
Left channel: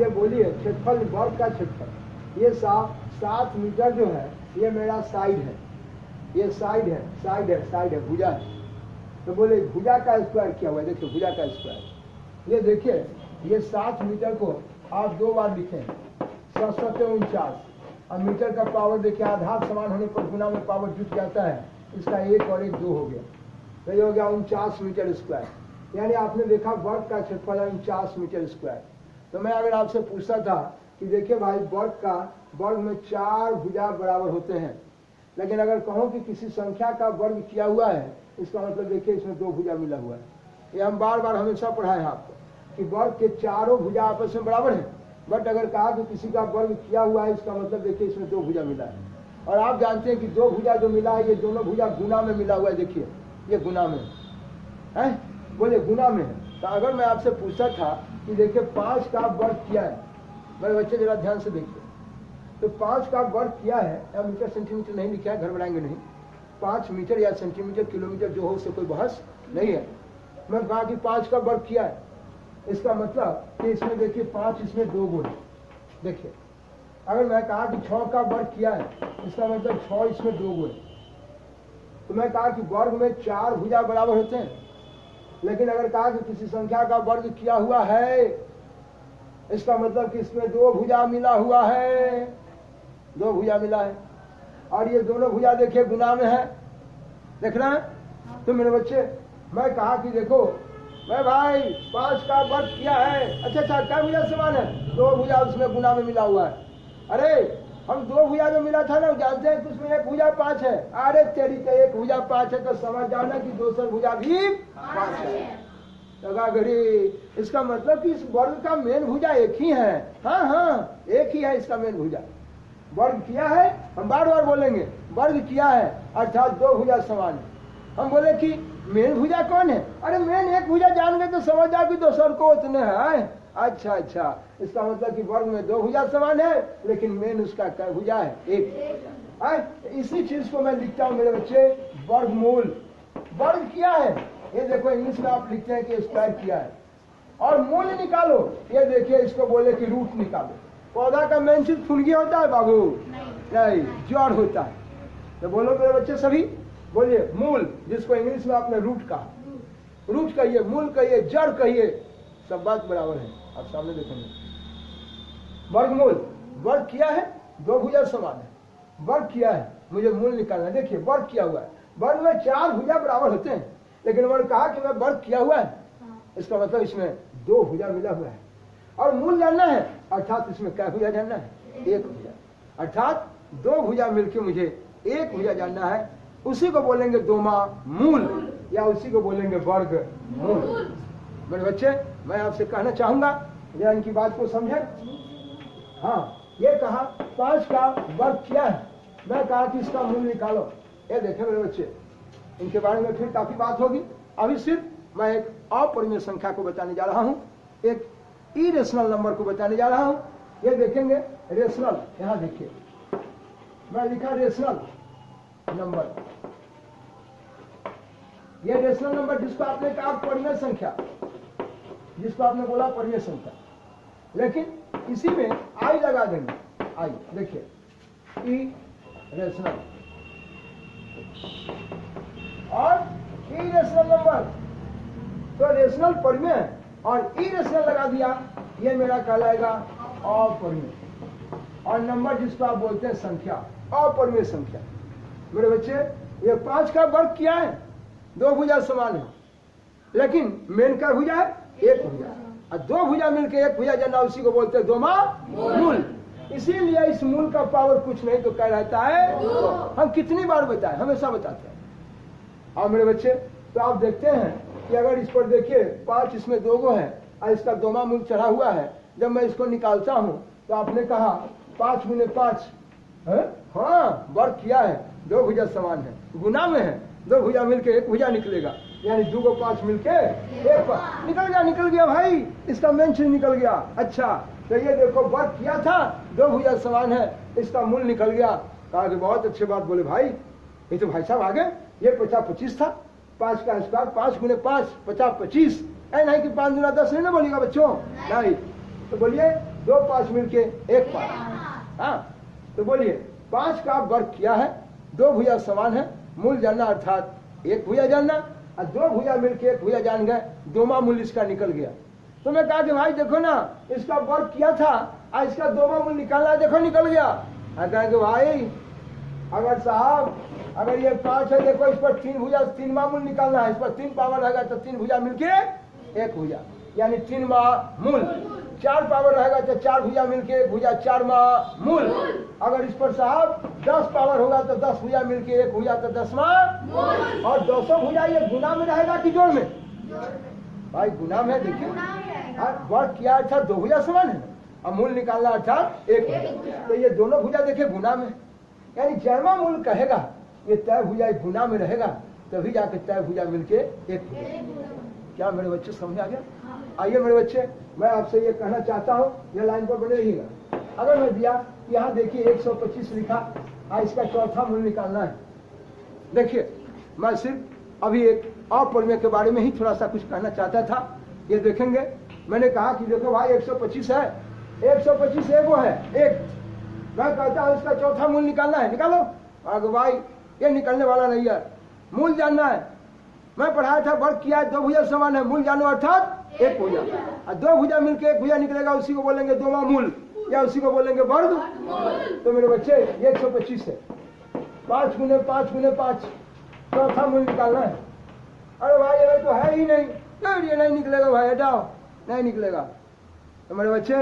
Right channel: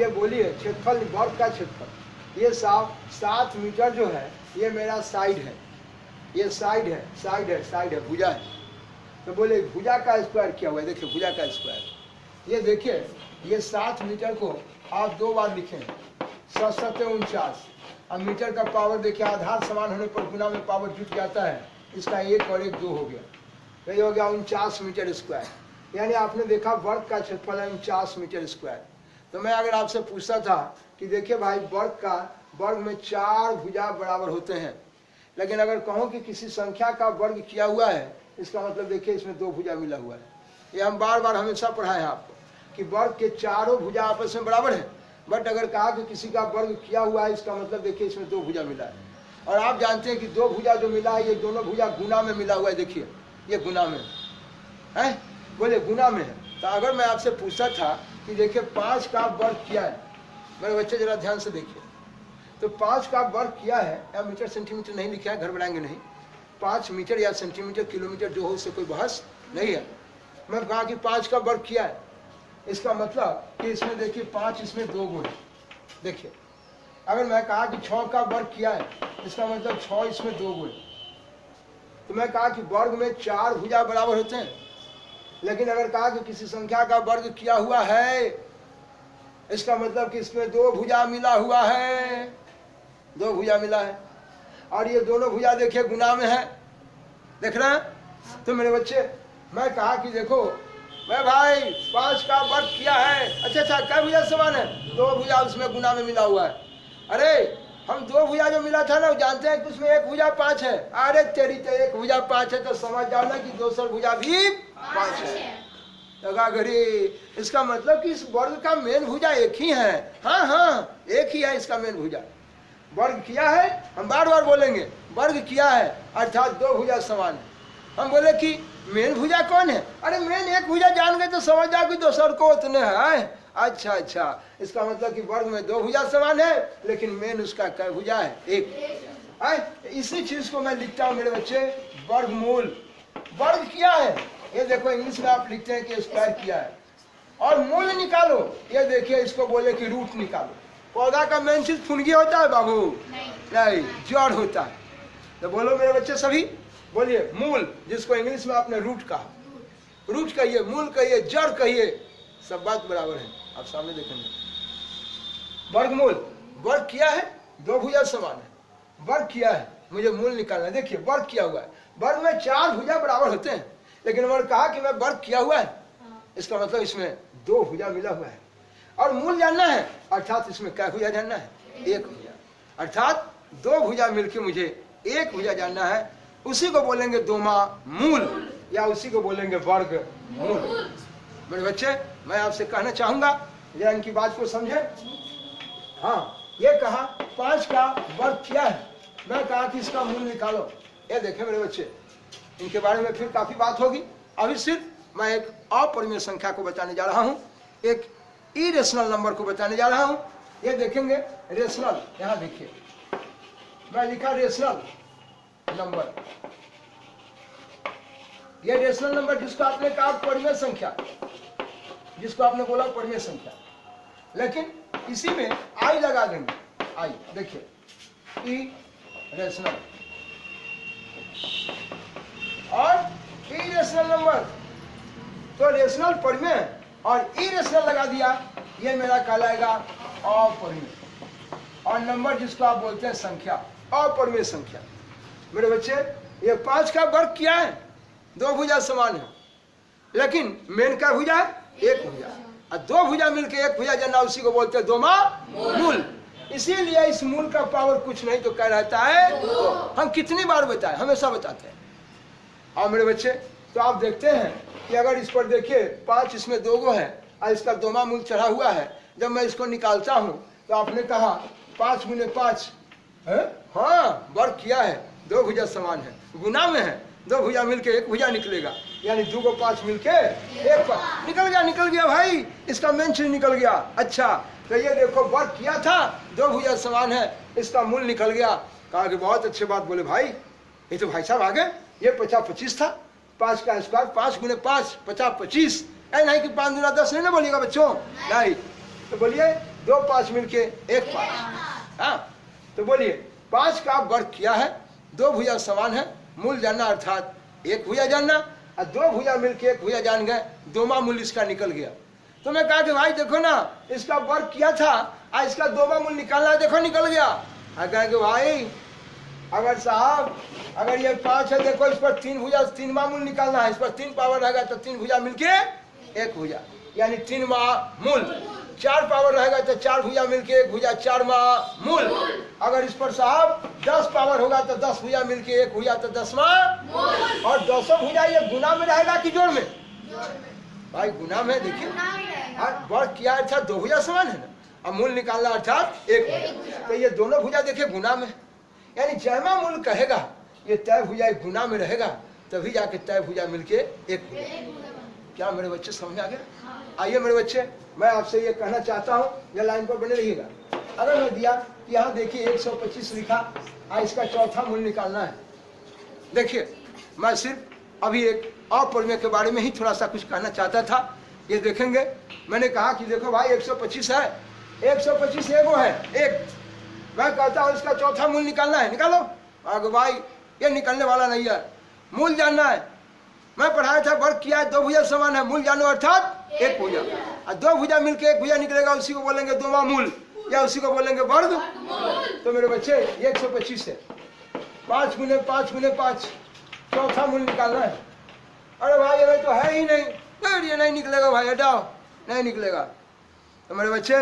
ये बोलिए क्षेत्रफल, वर्ग का क्षेत्रफल, ये 7 मीटर जो है, ये मेरा साइड है, ये साइड है, साइड है, साइड है, भुजा है। तो बोले भुजा का स्क्वायर क्या हुआ, देखिए भुजा का स्क्वायर, ये देखिए ये 7 मीटर को आप 2 बार लिखें, 7 7 49। अब मीटर का पावर देखिए आधार समान होने पर गुना में पावर जुट जाता है, इसका 1 और 1 2 हो गया, तो ये हो गया 49 मीटर स्क्वायर। यानी आपने देखा वर्ग का क्षेत्रफल है 49 मीटर स्क्वायर। तो मैं अगर आपसे पूछता था कि देखिए भाई वर्ग में 4 भुजा बराबर होते हैं, लेकिन अगर कहो कि किसी संख्या का वर्ग किया हुआ है, इसका मतलब देखिए इसमें 2 भुजा मिला हुआ है। ये हम बार बार हमेशा पढ़ाए हैं आपको कि वर्ग के चारों भुजा आपस में बराबर है, बट अगर कहा कि किसी का वर्ग किया हुआ है, इसका मतलब देखिए इसमें 2 भुजा मिला है। और आप जानते हैं कि 2 भुजा जो मिला है, ये दोनों भुजा गुना में मिला हुआ है। देखिए ये गुना में है, बोले गुना में है। तो अगर मैं आपसे पूछता था कि देखिए 5 का वर्ग किया है, मेरे बच्चे जरा ध्यान से देखिए, तो 5 का वर्ग किया है, या मीटर सेंटीमीटर नहीं लिखा है, गड़बड़ाएंगे नहीं, 5 मीटर या सेंटीमीटर किलोमीटर जो हो, उससे कोई बहस नहीं है। मैं कहा कि 5 का वर्ग किया है, इसका मतलब कि इसमें देखिए 5, इसमें 2 गुण। देखिए अगर मैं कहा कि 6 का वर्ग किया है, इसका मतलब 6, इसमें 2 गुण। तो मैं कहा कि वर्ग में 4 भुजा बराबर होते हैं, लेकिन अगर कहा कि किसी संख्या का वर्ग किया हुआ है, इसका मतलब कि इसमें 2 भुजा मिला हुआ है, 2 भुजा मिला है। और ये दोनों भुजा देखिए गुना में है, देख रहे हैं। तो मेरे बच्चे मैं कहा कि देखो मैं भाई 5 का वर्ग किया है, अच्छा क्या भुजा समान है, 2 भुजा उसमें गुना में मिला हुआ है। अरे हम 2 भुजा जो मिला था ना, जानते हैं कि उसमें 1 भुजा 5 है। अरे तेरी तो 1 भुजा 5 है, तो समझ जाओ ना कि दूसरा भुजा भी 5 है। लगा घड़ी, इसका मतलब कि इस वर्ग का मेन भुजा एक ही है। हाँ एक ही है इसका मेन भुजा। वर्ग किया है, हम बार बार बोलेंगे वर्ग किया है, अर्थात 2 भुजा समान है। हम बोले कि मेन भुजा कौन है, अरे मेन एक भुजा जान गए तो समझ जाओ कि दूसर को उतने है। अच्छा, इसका मतलब कि वर्ग में 2 भुजा समान है, लेकिन मेन उसका क्या भुजा है, एक। इसी चीज को मैं लिखता हूँ मेरे बच्चे, वर्गमूल। वर्ग किया है, ये देखो इंग्लिश में आप लिखते हैं कि स्क्वायर किया है। और मूल निकालो, ये देखिए इसको बोले कि रूट निकालो। पौधा का मेन चीज फुनगी होता है बाबू, नहीं जड़ होता है। तो बोलो मेरे बच्चे सभी, बोलिए मूल, जिसको इंग्लिश में आपने रूट कहा, रूट कहिए, मूल कहिए, जड़ कहिए, सब बात बराबर है। आप सामने देखेंगे वर्गमूल, वर्ग किया है, दो भुजा समान है, वर्ग किया है, मुझे मूल निकालना है। देखिए वर्ग किया हुआ है, वर्ग में चार भुजा बराबर होते हैं, लेकिन उन्होंने कहा कि मैं वर्ग किया हुआ है, इसका मतलब इसमें दो भुजा मिला हुआ है। और मूल जानना है, अर्थात इसमें क्या भुजा जानना है, एक भुजा, अर्थात दो भुजा मिलके मुझे एक भुजा जानना है। उसी को बोलेंगे दोमा मूल, या उसी को बोलेंगे वर्ग मूल। मेरे बच्चे, मैं आपसे कहना चाहूंगा, या इनकी बात को समझे। हाँ, ये कहा 5 का वर्ग किया है, मैं कहा कि इसका मूल निकालो। ये देखें मेरे बच्चे, इनके बारे में फिर काफी बात होगी। अभी सिर्फ मैं एक अपरिमेय संख्या को बताने जा रहा हूँ, एक इरेशनल नंबर को बताने जा रहा हूँ। ये देखेंगे रेशनल, यहाँ देखिए मैं लिखा रेशनल नंबर। ये रेशनल नंबर जिसको आपने कहा परिमेय संख्या, जिसको आपने बोला परिमेय संख्या, लेकिन इसी में आई लगा देंगे। आई देखिए ई रेशनल और इरेशनल नंबर, तो रेशनल परिमेय और इरेशनल लगा दिया, ये मेरा कहलाएगा अपरिमेय। और नंबर जिसको आप बोलते हैं संख्या, अपरिमेय संख्या। मेरे बच्चे, ये 5 का वर्ग किया है, दो भुजा समान है, लेकिन मेन का भुजा है एक भुजा, और दो भुजा मिलके एक भुजा जानना, उसी को बोलते हैं दोमा मूल। इसीलिए इस मूल का पावर कुछ नहीं तो क्या रहता है, तो हम कितनी बार बताएं, हमेशा बताते हैं। और मेरे बच्चे, तो आप देखते हैं कि अगर इस पर देखिए 5 इसमें दो गो है और इसका दोमा मूल चढ़ा हुआ है, जब मैं इसको निकालता हूँ तो आपने कहा 5 गुने 5, हाँ वर्ग किया है, दो भुजा समान है, गुना में है, दो भुजा मिलके एक भुजा निकलेगा, यानी 2 को 5 मिलके एक निकल गया भाई, इसका मेन चीज निकल गया। अच्छा, तो ये देखो वर्ग किया था, दो भुजा समान है, इसका मूल निकल गया। कहा कि बहुत अच्छी बात बोले भाई, ये तो भाई साहब आगे, ये 50-25 था, 5 का स्क्वायर, 5 गुने 5 50-25, नहीं कि 5 गुना 10 नहीं ना बोलिएगा बच्चों, नहीं, तो बोलिए 2 5 मिलके एक 5। हाँ, तो बोलिए 5 का वर्ग किया है, दो भुजा समान है, मूल जानना अर्थात एक भुजा जानना, और दो भुजा मिलके एक भुजा जान गए, दोमा मूल इसका निकल गया। तो मैं कहा कि भाई देखो ना, इसका वर्ग किया था और इसका दोमा मूल निकालना, देखो निकल गया। कहा कि भाई अगर साहब, अगर ये 5 है, देखो इस पर 3 भुजा, 3 मूल निकालना है, इस पर 3 पावर रहेगा तो 3 भुजा मिलके एक भुजा, यानी 3 मूल। 4 पावर रहेगा तो 4 भुजा मिलके एक भुजा, 4 मूल। अगर इस पर साहब 10 पावर होगा तो 10 भुजा मिलके एक भुजा, तो 10 मूल। और 10 भुजा ये गुना में रहेगा कि जोड़ में, भाई गुना में। देखिए वर्ग किया अर्थात दो भुजा समान है, और मूल निकालना अर्थात एक भुजा, तो ये दोनों भुजा देखिए गुना में, यानी जैमा मूल कहेगा ये तय भुजा गुना में रहेगा, तभी जाके तय भुजा मिलके एक भुजा। क्या मेरे बच्चे समझ आ गए? आइए मेरे बच्चे, मैं आपसे ये कहना चाहता हूँ, यह लाइन पर बने रहिएगा। अगर मैं दिया कि यहाँ देखिए 125 लिखा, इसका चौथा मूल निकालना है। देखिए मैं सिर्फ अभी एक अपरिमेय के बारे में ही थोड़ा सा कुछ कहना चाहता था। ये देखेंगे, मैंने कहा कि देखो भाई 125 है, 125 एगो है, एक, मैं कहता हूँ इसका चौथा मूल निकालना है, निकालो। अगर भाई ये निकलने वाला नहीं है, मूल जानना है। मैं पढ़ाया था वर्ग किया है, दो भुजा समान है, मूल जानो अर्थात एक भुजा, और दो भुजा मिलके एक भुजा निकलेगा, उसी को बोलेंगे दोमा मूल, या उसी को बोलेंगे वर्ग। तो मेरे बच्चे ये 125 है, 5 गुने 5 गुने 5, चौथा मूल निकालना है। अरे भाई अरे तो है ही नहीं, ये नहीं निकलेगा भाई, हटाओ, नहीं निकलेगा। तो मेरे बच्चे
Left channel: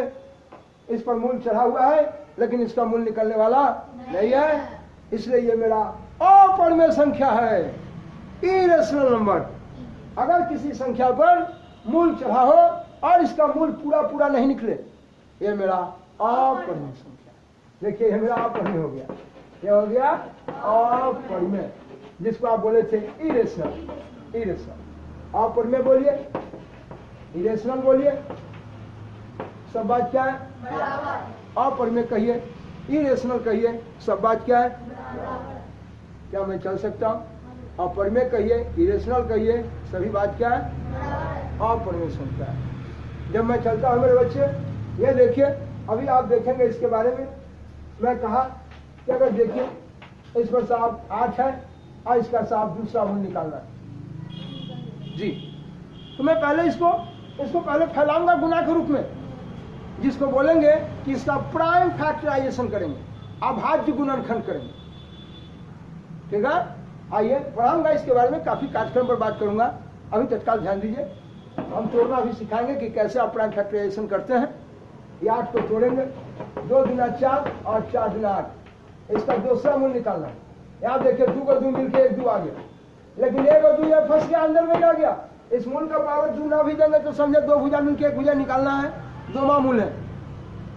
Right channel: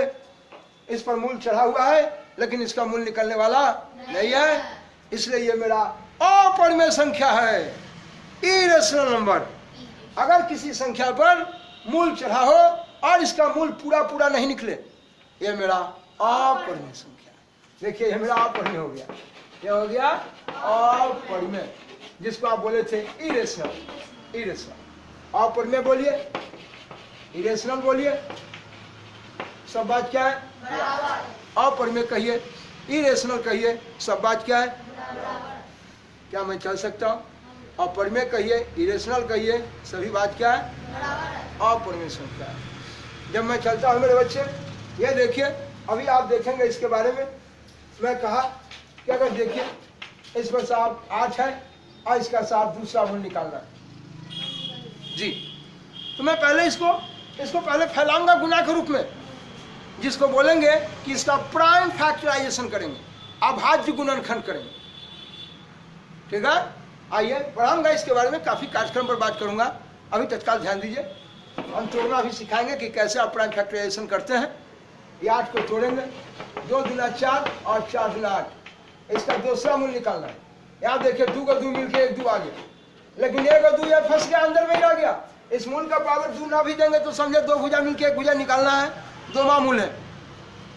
इस पर मूल चढ़ा हुआ है, लेकिन इसका मूल निकलने वाला नहीं है, इसलिए ये मेरा अपरिमेय संख्या है, इरेशनल नंबर। अगर किसी संख्या पर मूल चढ़ा हो और इसका मूल पूरा पूरा नहीं निकले, ये मेरा अपरिमेय संख्या। देखिए ये मेरा अपरिमेय हो गया, ये हो गया अपरिमेय, जिसको आप बोले थे इरेशनल। इरेशनल अपरिमेय बोलिए, इरेशनल बोलिए, सब बात क्या है, अपरिमेय कहिए, इरेशनल कहिए, सब बात क्या है। क्या मैं चल सकता हूँ? अपरिमेय कहिए, इरेशनल कहिए, सभी बात क्या है, अपरिमेय संख्या। जब मैं चलता हूँ मेरे बच्चे, ये देखिए, अभी आप देखेंगे इसके बारे में। मैं कहा कि अगर देखिए इसमें से आप 8 है और इसका से आप दूसरा मूल निकालना है जी। तो मैं पहले इसको पहले फैलाऊंगा गुना के रूप में, जिसको बोलेंगे कि इसका प्राइम फैक्टराइजेशन करेंगे, अभाज्य गुणनखंड करेंगे। ठीक है, आइए पढ़ाऊंगा इसके बारे में, काफी कार्यक्रम पर बात करूंगा। अभी तत्काल ध्यान दीजिए, हम तोड़ना भी सिखाएंगे कि कैसे आप प्राइम फैक्टराइजेशन करते हैं। ये 8 को तोड़ेंगे, 2 दूना 4 और 4 दूना 8। इसका दूसरा मूल निकालना है। यहाँ देखिए 2 को 2 मिलके 1 2 आ गया, लेकिन 1 और 2 ये फंस गया, अंदर में ही रह गया। इस मूल का पावर 2 ना भी देंगे तो समझे 2 भुजा मिलके 1 भुजा निकालना है, 2 मूल है।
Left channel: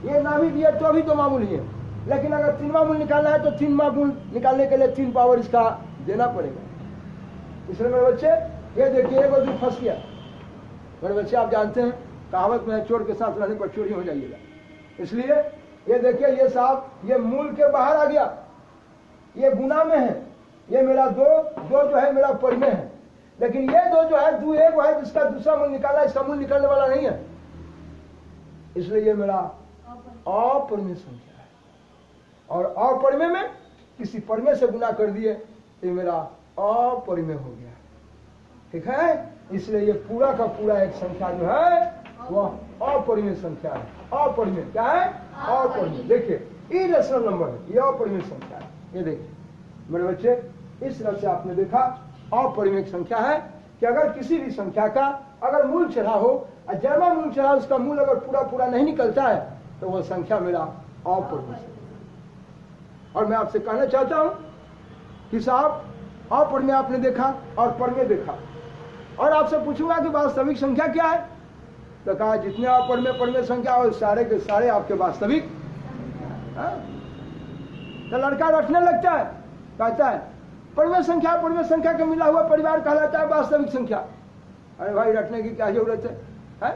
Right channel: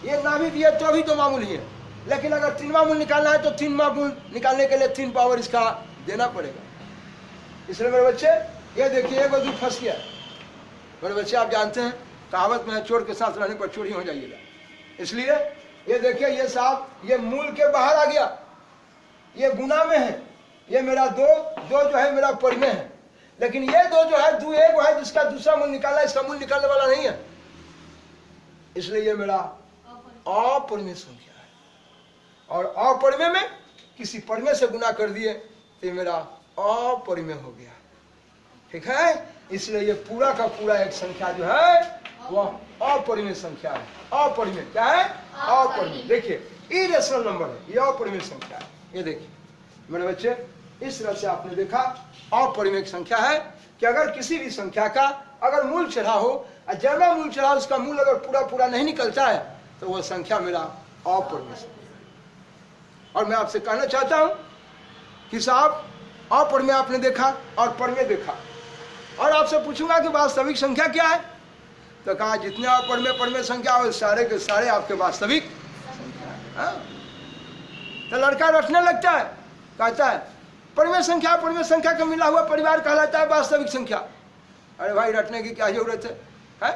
ये ना भी दिए तो भी 2 मूल ही है, लेकिन अगर 3वां मूल निकालना है तो 3वां मूल निकालने के लिए 3 पावर इसका देना पड़ेगा। इसलिए मेरे बच्चे ये देखिए 1 और 2 फंस गया। मेरे बच्चे आप जानते हैं कहावत में, चोर के साथ रहने पर चोरी हो जाइएगा। इसलिए ये देखिए ये साहब ये मूल के बाहर आ गया, ये गुना में है। ये मेरा 2 जो है मेरा परिमेय है, लेकिन ये 2 जो है 2 एक है जिसका दूसरा मूल निकालना है, इसका मूल निकालने वाला नहीं है। इसलिए ये मेरा अपरिमेय संख्या है, और अपरिमेय में किसी परिमेय से गुना कर दिए तो ये मेरा अपरिमेय हो गया। ठीक है, इसलिए ये पूरा का पूरा एक संख्या जो है वह अपरिमेय संख्या है। अपरिमेय क्या है? अपरिमेय। देखिए इरेशनल नंबर है, ये अपरिमेय संख्या है। ये देखिए मेरे बच्चे, इस तरह से आपने देखा अपरिमेय संख्या है कि अगर किसी भी संख्या का अगर मूल चढ़ा हो और ज्यादा मूल चढ़ा हो, उसका मूल अगर पूरा पूरा नहीं निकलता है तो वह संख्या मेरा अपरिमेय संख्या। और मैं आपसे कहना चाहता हूं कि साहब अपरिमेय आपने देखा और परिमेय देखा, और आपसे पूछूंगा कि वास्तविक संख्या क्या है, तो कहा जितने अपरिमेय संख्या हो सारे के सारे आपके वास्तविक संख्या है। तो लड़का रटने लगता है, कहता है परिमेय संख्या का मिला हुआ परिवार कहलाता है वास्तविक संख्या। अरे भाई रटने की क्या जरूरत है?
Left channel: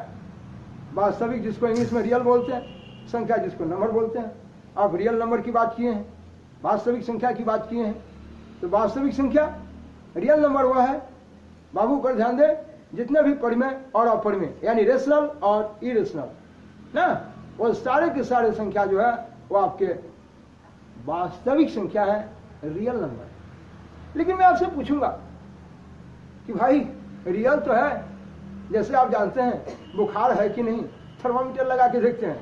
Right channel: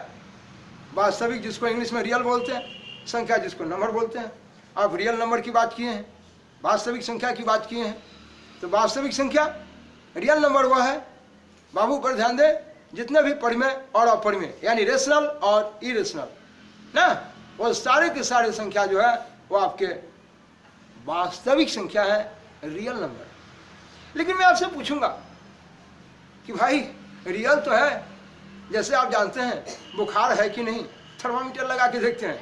वास्तविक जिसको इंग्लिश में रियल बोलते हैं, संख्या जिसको नंबर बोलते हैं। आप रियल नंबर की बात किए हैं, वास्तविक संख्या की बात किए हैं, तो वास्तविक संख्या रियल नंबर वह है, बाबू पर ध्यान दे, जितने भी परिमेय और अपरिमेय यानी रेशनल और इरेशनल ना, वो सारे के सारे संख्या जो है वो आपके वास्तविक संख्या है, रियल नंबर। लेकिन मैं आपसे पूछूंगा कि भाई रियल तो है, जैसे आप जानते हैं बुखार है कि नहीं, थर्मामीटर लगा के देखते हैं,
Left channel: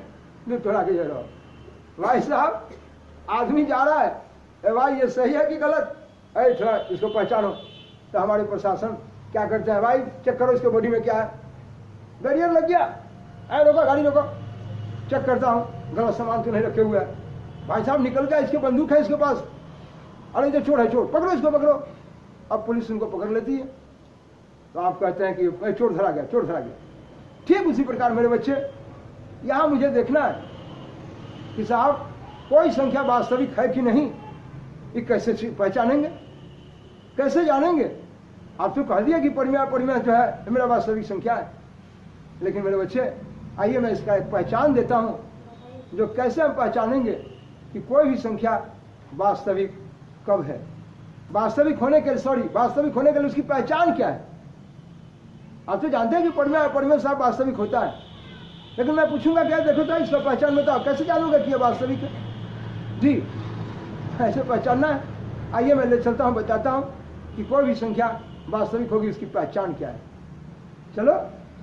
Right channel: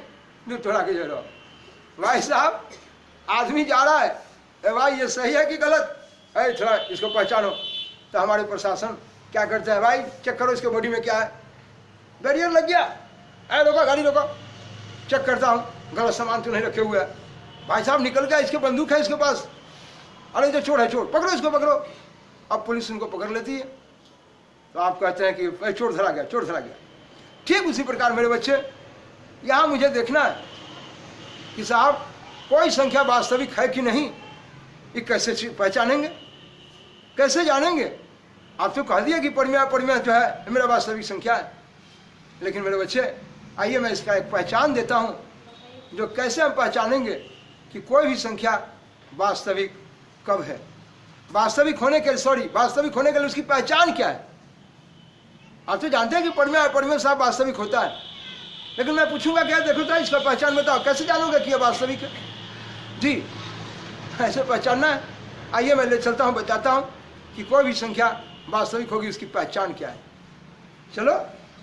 दूध थोड़ा के जरा भाई साहब आदमी जा रहा है, भाई ये सही है कि गलत है, थोड़ा इसको पहचानो। तो हमारे प्रशासन क्या करते हैं, भाई चेक करो इसके बॉडी में क्या है, बैरियर लग गया, अरे रोका गाड़ी रोको, चेक करता हूँ गलत सामान तो नहीं रखे हुए है। भाई साहब निकल गया, इसके बंदूक है इसके पास, अरे जो चोर है चोर, पकड़ो इसको पकड़ो। अब पुलिस उनको पकड़ लेती है, तो आप कहते हैं कि चोर धरा गया, चोर धरा गया। ठीक उसी प्रकार मेरे बच्चे यहाँ मुझे देखना है कि साहब कोई संख्या वास्तविक है कि नहीं, ये कैसे पहचानेंगे, कैसे जानेंगे? आप तो कह दिया कि परिमेय जो है मेरा वास्तविक संख्या है, लेकिन मेरे बच्चे आइए मैं इसका एक पहचान देता हूँ, जो कैसे हम पहचानेंगे कि कोई भी संख्या वास्तविक कब है। वास्तविक होने के लिए उसकी पहचान क्या है? आप तो जानते हैं कि परिमेय साहब वास्तविक होता है, लेकिन मैं पूछूंगा क्या, देखो तो इसका पहचान बताओ, कैसे जानूंगा कि यह वास्तविक है? जी ऐसे पहचानना है। आइए मैं ले चलता हूँ, बताता हूँ कि कोई भी संख्या वास्तविक होगी उसकी पहचान क्या है। चलो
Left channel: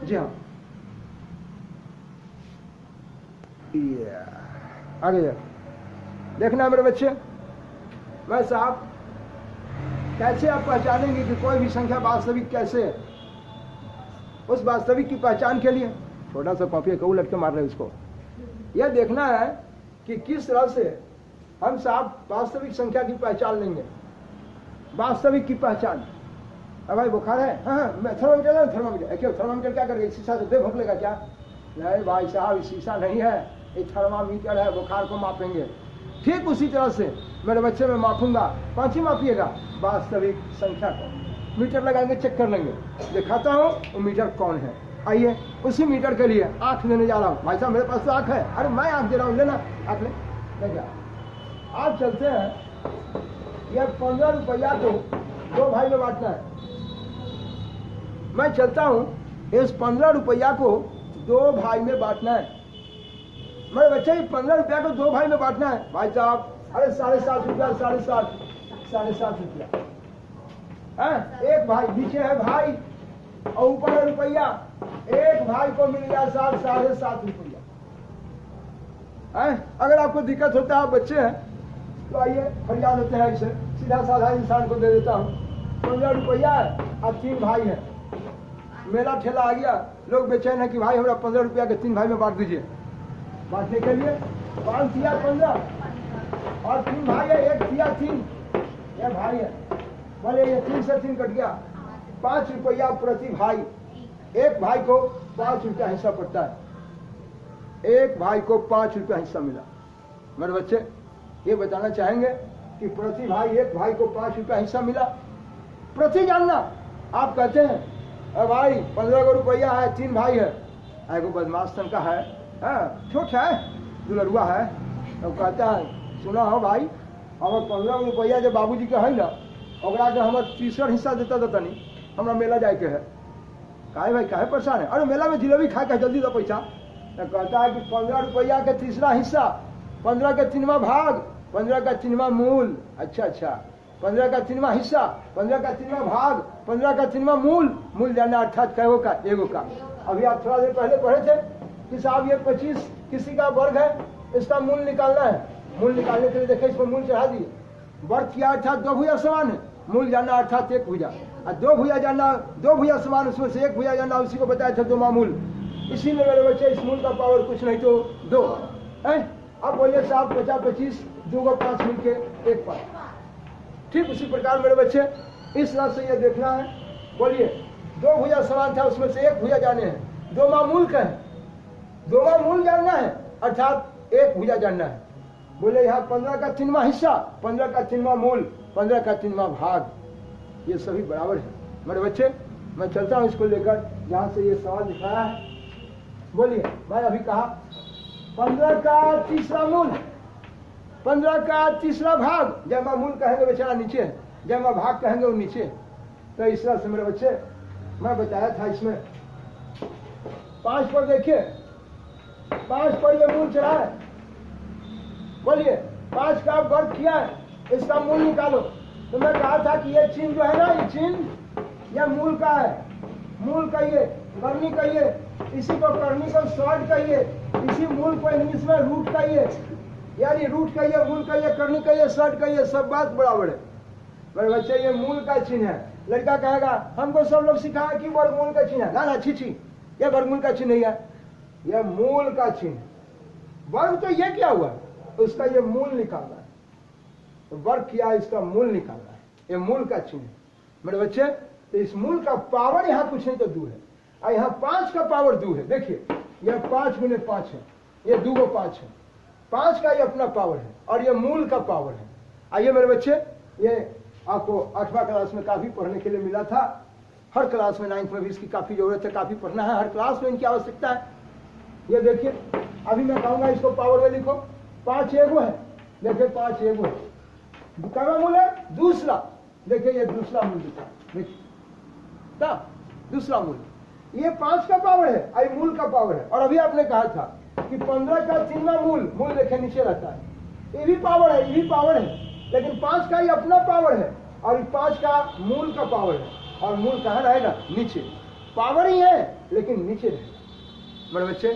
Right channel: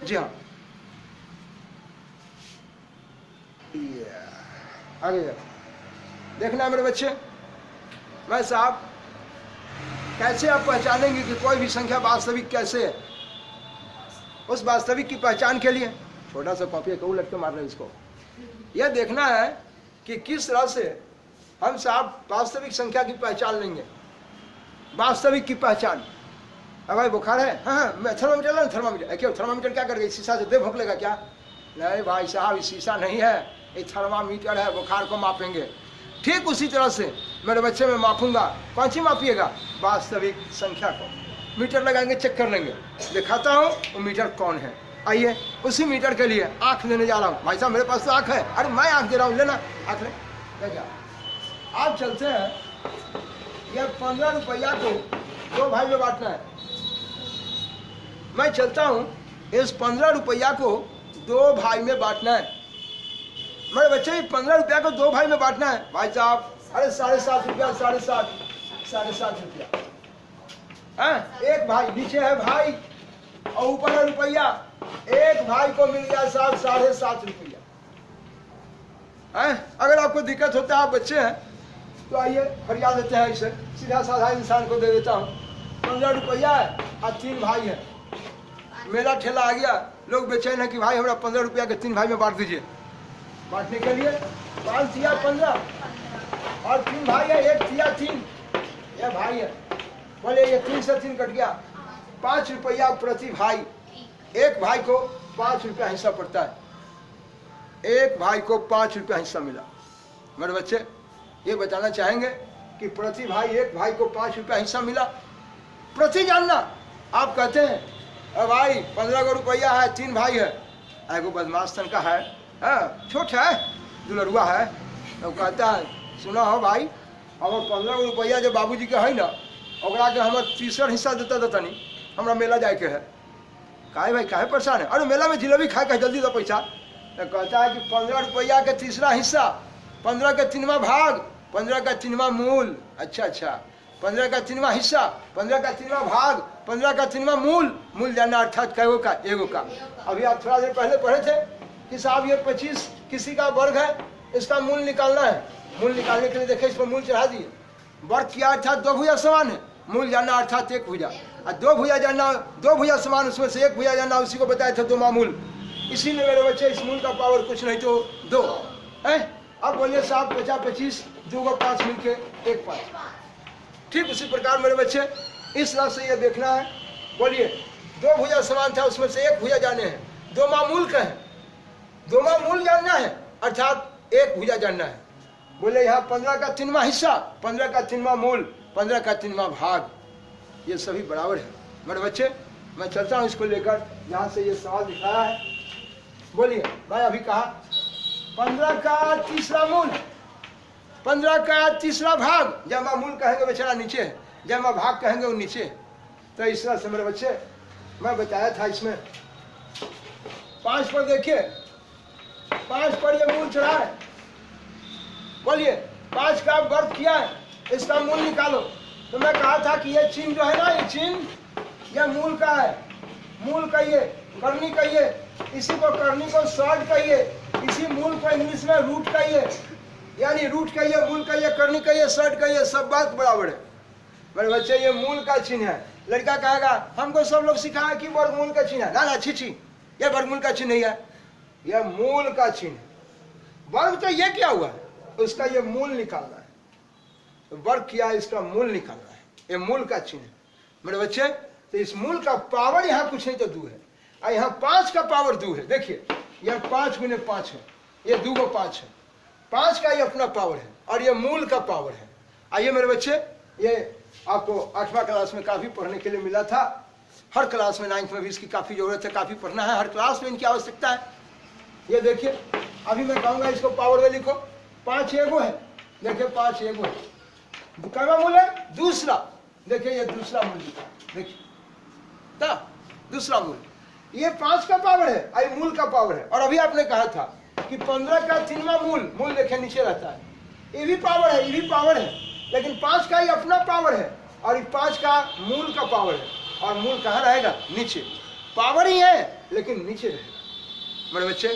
जी हाँ, आगे जाओ। देखना है मेरे बच्चे, मैं साहब कैसे आप पहचानेंगे कि कोई भी संख्या वास्तविक कैसे है? उस वास्तविक की पहचान के लिए छोटा सा पापिया कऊ लटके मार रहे हैं उसको, यह देखना है कि किस तरह से हम साहब वास्तविक संख्या की पहचान लेंगे। वास्तविक की पहचान, अब भाई बुखार है, हाँ मैं थर्मामीटर क्यों, थर्मामीटर क्या करेगा, शीशा से दे भोंक लेगा क्या? नहीं भाई साहब शीशा नहीं है, ये थर्मामीटर है, बुखार को मापेंगे। ठीक उसी तरह से मेरे बच्चे में मापूंगा, कौन सी मापिएगा? वास्तविक संख्या को। मीटर लगाएंगे, चेक कर लेंगे, दिखाता हूँ वो मीटर कौन है। आइए उसी मीटर के लिए आँख देने जा रहा हूँ। भाई साहब मेरे पास तो आँख है, अरे मैं आँख दे रहा हूँ, लेना आँख ले क्या। आप चलते हैं, यह 15 रुपया को 2 भाई में बांटना है। मैं चलता हूँ, इस 15 रुपया को 2 भाई में बांटना है। मेरे बच्चे 15 रुपया को 2 भाई में बांटना है। भाई साहब अरे 7.5 रुपया, 7.5 7.5 रुपया है। एक भाई नीचे है भाई और ऊपर है रुपया। एक भाई को मिल गया साहब 7.5 रुपया है। अगर आपको दिक्कत होता है, आप बच्चे हैं तो आइए फरियाद देते हैं, इसे सीधा साधा इंसान को दे देता हूँ। 15 रुपया है और 3 भाई है। मेला ठेला आ गया, लोग बेचैन है कि भाई हमारा 15 रुपया के 3 भाई में बांट दीजिए। बांटने के लिए 5 थिया 15 और 3 भाई है, 1 थिया 3, यह भाई है। बोले ये 3 से 3 कट गया, 5 रुपया प्रति भाई। एक भाई को 5 रुपया हिस्सा पड़ता है। एक भाई को 5 रुपया हिस्सा मिला। मेरे बच्चे ये बताना चाहेंगे कि प्रति भाई, एक भाई को 5 रुपया हिस्सा मिला। प्रति जानना, आप कहते हैं अरे भाई 15 रुपया है, 3 भाई है, एगो बदमाश तन का है, छोट है, दुलरुआ है, तो कहता है सुना हो भाई हमारे 15 रुपया जो बाबूजी के है ना, ओकरा के हमारे 3रा हिस्सा देता नहीं, हमारा मेला जाए के है। काहे भाई काहे परेशान है? अरे मेला में जिलेबी खा के जल्दी दो पैसा। तो कहता है कि 15 रुपया के 3रा हिस्सा, 15 का 3वां भाग, 15 का 3वां मूल। अच्छा 15 का 3वां हिस्सा, 15 का 3वां भाग, 15 का 3वां मूल जानना अर्थात कैगो का? एगो का। अभी आप थोड़ा देर पहले पढ़े थे कि साहब ये 25 किसी का वर्ग है, इसका मूल निकालना है। मूल निकालने के लिए देखे इस पर मूल चढ़ा दिए। वर्ग किया अर्थात 2 भुजा समान है, मूल जानना अर्थात 1 भुजा, और 2 भुजा जानना, 2 भुजा समान, उसमें से 1 भुजा जानना, उसी को बताया था 2 मामूल। इसीलिए मेरे बच्चे इस मूल का पावर कुछ नहीं तो 2 है। अब बोलिए साहब 50 25 2 को 5 मिलके 1 5। ठीक उसी प्रकार मेरे बच्चे इस तरह से ये देखना है। बोलिए 2 भुजा समान था, उसमें से 1 भुजा जाने हैं, 2 मामूल का है, 2 मामूल जानना है अर्थात 1 भुजा जानना है। बोले यहाँ 15 का 3वां हिस्सा, 15 का 3वां मूल, 15 का 3वां भाग, ये सभी बराबर है। मेरे बच्चे मैं चलता हूँ इसको लेकर जहाँ से ये सवाल दिखाया है। बोलिए भाई अभी कहा 15 का 3रा मूल, 15 का 3रा भाग, जमा मूल कहेंगे बेचारा नीचे है, जमा भाग कहेंगे वो नीचे है। तो इस तरह से मेरे बच्चे मैं बताया था। इसमें 5 पर देखिए, 5 पर ये मूल चढ़ा है। बोलिए 5 का वर्ग किया है, इसका मूल निकालो। तो मैं कहा था कि ये चिन्ह जो है ना, ये चिन्ह यह मूल का है, मूल कहिए, करनी कहिए, इसी को करनी को शॉर्ट कहिए, इसी मूल को इंग्लिश में रूट कहिए, यानी रूट कहिए, मूल कहिए, करनी कहिए, शॉर्ट कहिए, सब बात बराबर है। मेरे बच्चे ये मूल का चिन्ह है। लड़का कहेगा हमको सब लोग सिखाया कि वर्गमूल का चिन्ह है। ना छी, ये वर्गमूल का चिन्ह नहीं है, यह मूल का चिन्ह। वर्ग तो ये क्या हुआ, उसका ये मूल निकालना है। तो वर्ग किया, इसका मूल निकालना है, ये मूल का चिन्ह है। मेरे बच्चे तो इस मूल का पावर यहाँ कुछ नहीं तो 2 है, और यहाँ 5 का पावर 2 है। देखिए यह 5 गुने 5 है, ये 2 को 5 है, 5 का ये अपना पावर है और ये मूल का पावर है। आइए मेरे बच्चे, ये आपको 8वां क्लास में काफ़ी पढ़ने के लिए मिला था। हर क्लास में 9th में भी इसकी काफ़ी ज़रूरत है, काफ़ी पढ़ना है, हर क्लास में इनकी आवश्यकता है। ये देखिए अभी मैं कहूँगा इसको पावर में लिखो। 5 एगो है, देखिए 5 एगो है, दूसरा मूल है, दूसरा देखिए ये दूसरा मूल लिखा, देखिए दूसरा मूल, ये 5 का पावर है और मूल का पावर है। और अभी आपने कहा था कि 15 का 3वां मूल, मूल देखिए नीचे रहता है, ये भी पावर है, ये भी पावर है, लेकिन 5 का ही अपना पावर है और 5 का मूल का पावर है। और मूल कहाँ रहेगा? नीचे। पावर ही है लेकिन नीचे रहेगा। मेरे बच्चे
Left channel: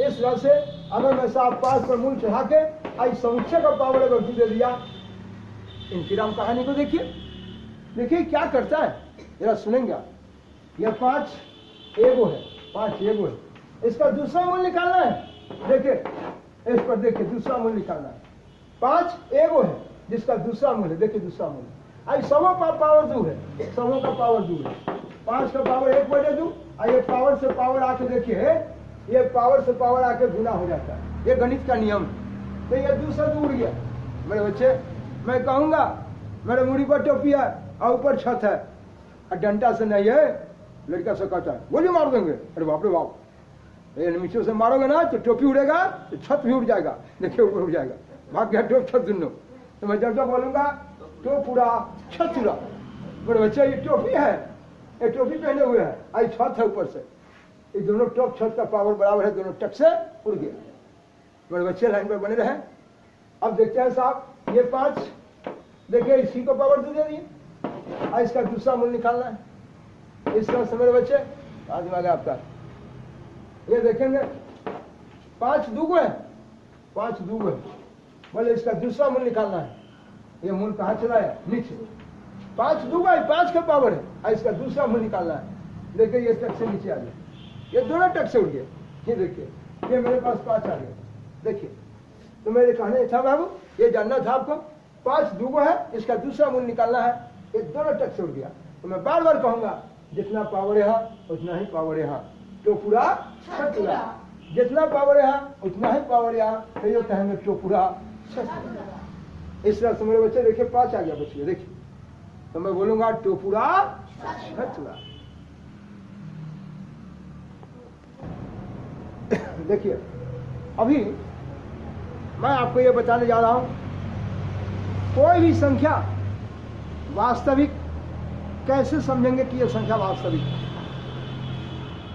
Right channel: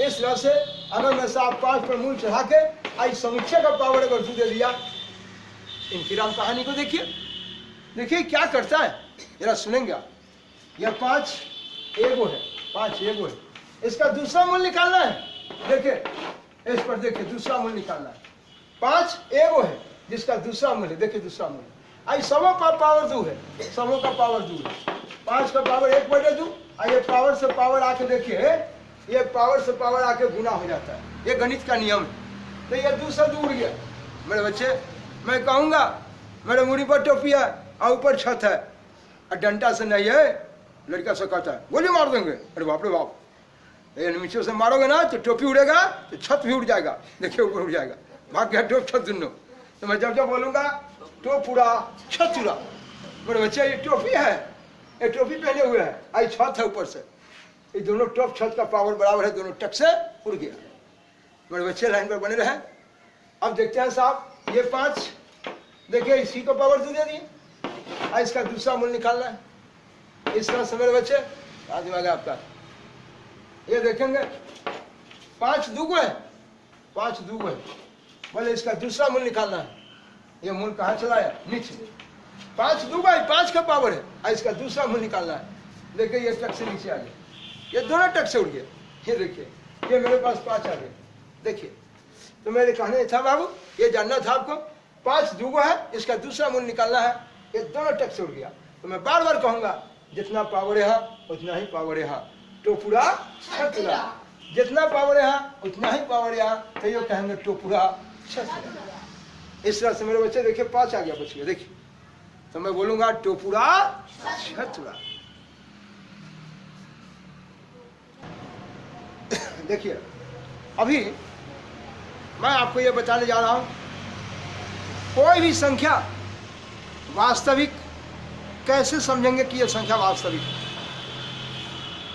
इस तरह से अगर मैं साहब 5 पर मूल चढ़ा के आज समुच्चय का पावर अगर दे दिया, इंतराम कहानी को देखिए, देखिए क्या करता है, जरा सुनेंगे आप। यह 5 एगो है, 5 एगो है, इसका दूसरा मूल निकालना है। देखिए इस पर देखिए दूसरा मूल निकालना है। 5 एगो है जिसका दूसरा मूल है, देखिए दूसरा मूल आई सबों का पावर 2 है, सबों का पावर 2 है। 5 का पावर 1/2, ये पावर से पावर आके देखिए, ये पावर से पावर आके गुना हो जाता है, ये गणित का नियम है। तो ये 2 से 2 उड़ गया। मेरे बच्चे मैं कहूँगा मेरे मुड़ी पर टोपी है और ऊपर छत है और डंडा से नहीं है, लड़का से कहता है गोली मार देंगे। अरे बाप रे बाप, ये नीचे से मारोगे ना तो टोपी उड़ेगा तो छत भी उड़ जाएगा, देखिए ऊपर उड़ जाएगा, भाग गया टोप छत दोनों। तो मैं जब बोलूँगा टोप उड़ा छत उड़ा, मेरे बच्चे ये टोपी है, ये टोपी पहने हुए है, आई छत है ऊपर से, ये दोनों टोप छत का पावर बराबर है, दोनों टक से उड़ गया। मेरे बच्चे लाइन पर बने रहे। अब देखते हैं साहब ये 5 देखिए इसी को पावर दे दिए, इसका दूसरा मूल निकालना है। इसका समय बच्चे आगे वाले आपका ये देखेंगे 5 दूगो है, 5 दूगो है, बोले इसका दूसरा मूल निकालना है। ये मूल कहाँ चला है? नीचे। 5 दूगो है, 5 का पावर है, इसका दूसरा मूल निकालना है। देखिए ये टक से नीचे आ गया, ये दोनों टक से उड़ गया। ये देखिए ये मेरे पास 5 आ गया। देखिए तो मेरे कहने था बाबू, ये जानना था आपको, 5 दूगो है, इसका दूसरा मूल निकालना है। ये दोनों टक से उड़ गया। तो मैं बार बार कहूंगा, जितना पावर यहाँ उतना ही पावर यहाँ, टोपुरा छतुरा। जितना पावर यहाँ उतना ही पावर यहाँ, तो ये कहेंगे टोपुरा छतुरा। इस तरह से मेरे बच्चे देखिए 5 आ गया बच गया। देखिए तो मैं बोलूंगा टोपुरा छतुरा। देखिए अभी मैं आपको ये बताने जा रहा हूं, कोई भी संख्या वास्तविक कैसे समझेंगे कि ये संख्या वास्तविक है।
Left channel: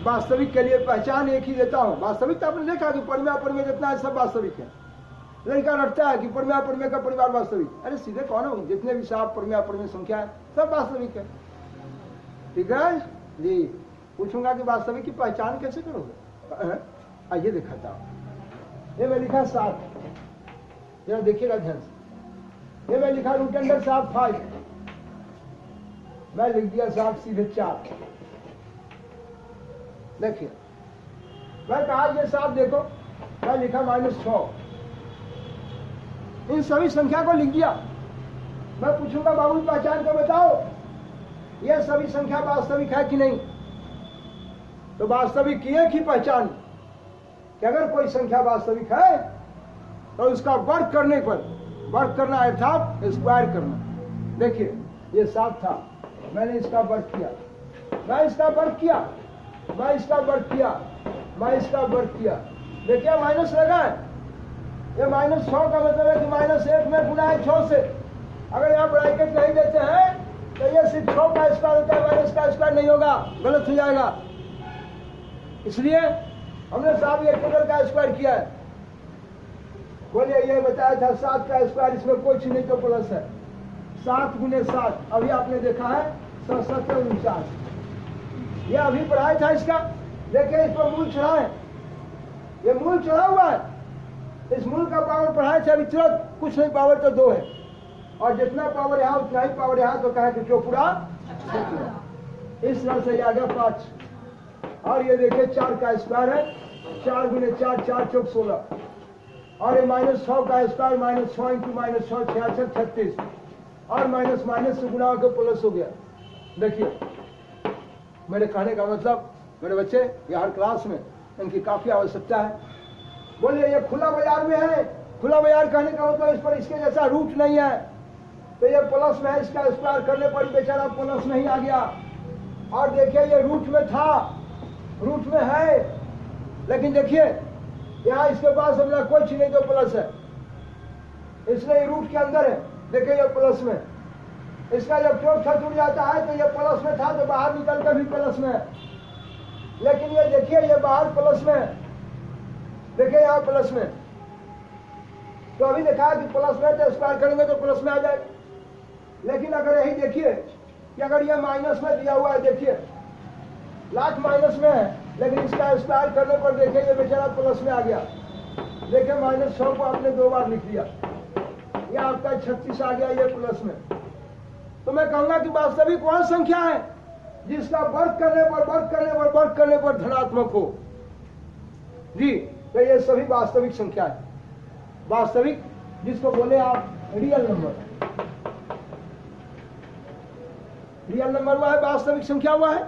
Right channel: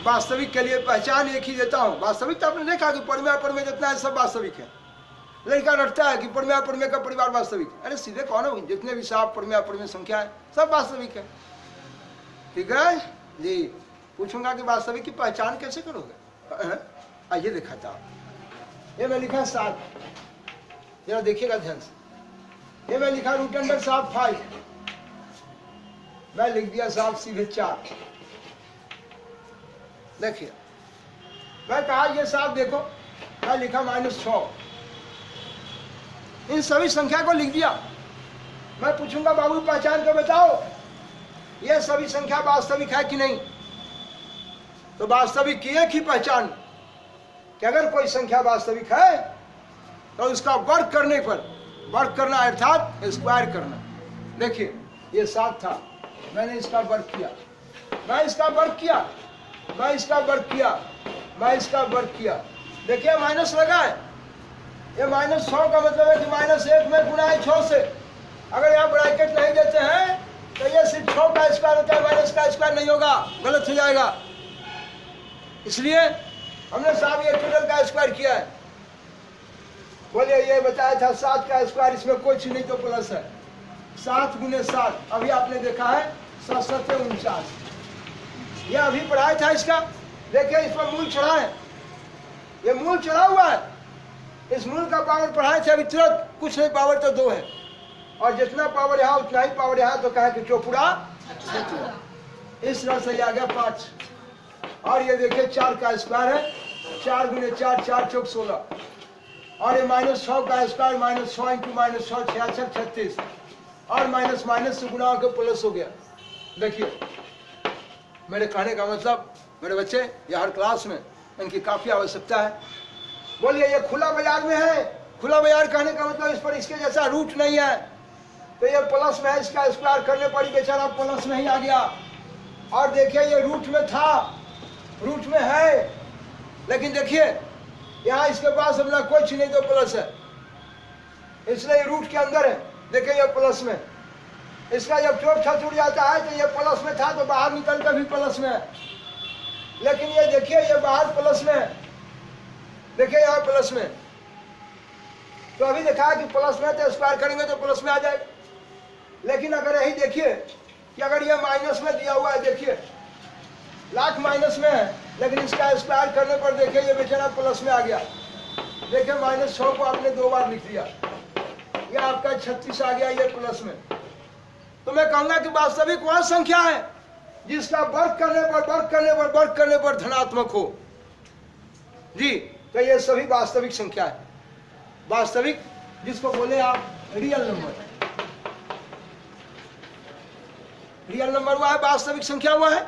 वास्तविक के लिए पहचान एक ही देता हूं। वास्तविक तो आपने देखा कि परिमेय परिमेय जितना है सब वास्तविक है। लड़का रटता है कि परिमेय परिमेय का परिवार वास्तविक है। अरे सीधे कौन है, जितने भी साफ परिमेय परिमेय संख्या है सब वास्तविक है। ठीक है जी। पूछूंगा कि वास्तविक की पहचान कैसे करोगे? आइए देखा था, ये मैं लिखा 7, जरा देखिएगा ध्यान से। ये मैं लिखा √7 मैं लिख दिया साहब सीधे 4। देखिए मैं कहा ये साहब देखो, मैं लिखा -6। इन सभी संख्या को लिख दिया। मैं पूछूंगा बाबू पहचान को बताओ, ये सभी संख्या वास्तविक है कि नहीं? तो वास्तविक की एक ही पहचान कि अगर कोई संख्या वास्तविक है तो उसका वर्ग करने पर, वर्ग करना अर्थात स्क्वायर करना। देखिए ये 7 था, मैंने इसका वर्ग किया, मैं इसका वर्ग किया, मैं इसका वर्ग किया, मैं इसका वर्ग किया। देखिए माइनस लगा है, ये -6 का मतलब है कि -1 में गुणा है 6 से। अगर यहाँ ब्रैकेट नहीं देते हैं तो ये सिर्फ 6 का स्क्वायर होता है, माइनस का स्क्वायर नहीं होगा, गलत हो जाएगा। इसलिए हमने साहब ये टोटल का स्क्वायर किया है। बोलिए ये बताया था 7 का स्क्वायर, इसमें कोई चीज नहीं तो प्लस है। 7 × 7 अभी आपने देखा है 7×7 ये अभी पढ़ाया था इसका। देखिए इस पर मूल चढ़ा है, ये मूल चढ़ा हुआ है। इस मूल का पावर पढ़ाया था अभी तुरंत, कुछ नहीं पावर तो 2 है, और जितना पावर यहाँ उतना ही पावर यहाँ, तो कहा कि टोपुरा। इस तरह से ये आ गया 5। और ये देखिए 4 का स्क्वायर है, 4 × 4 4 × 16, और ये -6 का स्क्वायर, -6 × -6 66 36, और माइनस माइनस से गुणा होकर प्लस हो गया। देखिए मेरे कहने का मतलब मेरे बच्चे ये हर क्लास में इनकी काफी आवश्यकता है। बोलिए ये खुला बाजार में है, खुला बाजार कहने का मतलब इस पर इसके जैसा रूट नहीं है, तो ये प्लस में है, इसका स्क्वायर करने पर बेचारा प्लस में ही आ गया। और देखिए ये रूट में था, रूट में है, लेकिन देखिए यहाँ इसके पास अपना कोई चीज नहीं तो प्लस है, इसलिए रूट के अंदर है। देखिए ये प्लस में, इसका जब चौथा छूट जाता है तो ये प्लस में था तो बाहर निकल कर भी प्लस में है, लेकिन ये देखिए ये बाहर प्लस में है, देखिए यहाँ प्लस में। तो अभी देखा है कि प्लस में तो स्क्वायर करेंगे तो प्लस में आ जाएगा। लेकिन अगर यही देखिए कि अगर ये माइनस में दिया हुआ है, देखिए लाख माइनस में है, लेकिन इसका स्क्वायर करने पर देखिए ये बेचारा प्लस में आ गया। देखिए -6 को आपने 2 बार लिख दिया, ये आपका 36 आ गया, ये प्लस में। तो मैं कहूंगा कि वास्तविक वह संख्या है जिसका वर्ग करने पर वर्ग करने पर वर्ग करने पर धनात्मक हो जी। तो ये सभी वास्तविक संख्या है। वास्तविक जिसको बोले आप रियल नंबर, रियल नंबर हुआ है, वास्तविक हुआ हुआ है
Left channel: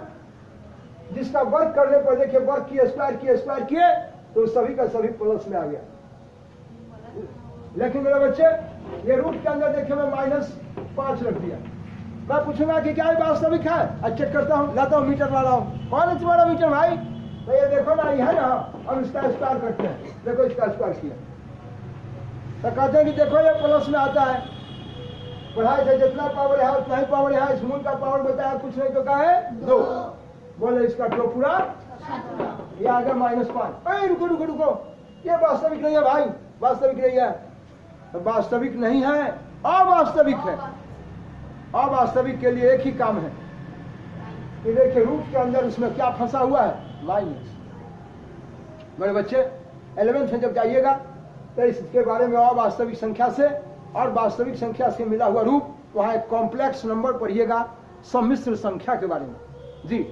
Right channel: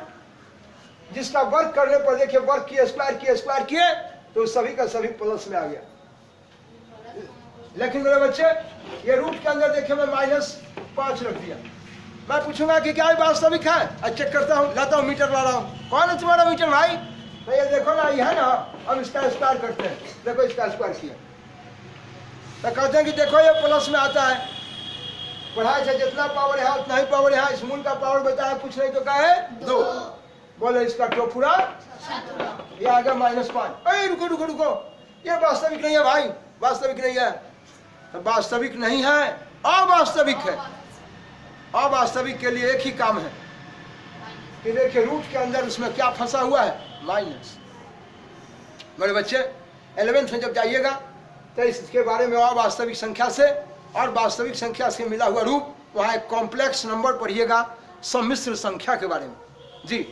जिसका वर्ग करने पर देखिए वर्ग किए स्क्वायर किए तो सभी का सभी प्लस में आ गया। लेकिन मेरे बच्चे ये रूट के अंदर देखिए मैं -5 रख दिया। मैं पूछूंगा कि क्या ये वास्तविक है? चेक करता हूँ, लाता हूँ मीटर ला रहा हूँ। कौन है तुम्हारा मीटर भाई? तो ये देखो ना, ये है ना, हम इसका स्क्वायर करते हैं, देखो इसका स्क्वायर किया तो कहते हैं कि देखो ये प्लस में आता है। पढ़ाई से जितना पावर है उतना ही पावर है। इस मूल का पावर बताया कुछ नहीं तो क्या है 2। बोलो इसका टोपुरा, ये आ गया -5। अरे रुको रुको रुको, ये वास्तविक नहीं है भाई, वास्तविक नहीं है। तो वास्तविक नहीं है, अवास्तविक है। अवास्तविक के लिए एक ही काम है कि देखिए रूट के अंदर उसमें क्या फंसा हुआ है, माइनस। मेरे बच्चे 11th में जब जाइएगा तो इसके बारे में अवास्तविक संख्या से और वास्तविक संख्या से मिला हुआ रूप, वहाँ एक कॉम्प्लेक्स नंबर पढ़िएगा सम्मिश्र संख्या के बारे में जी।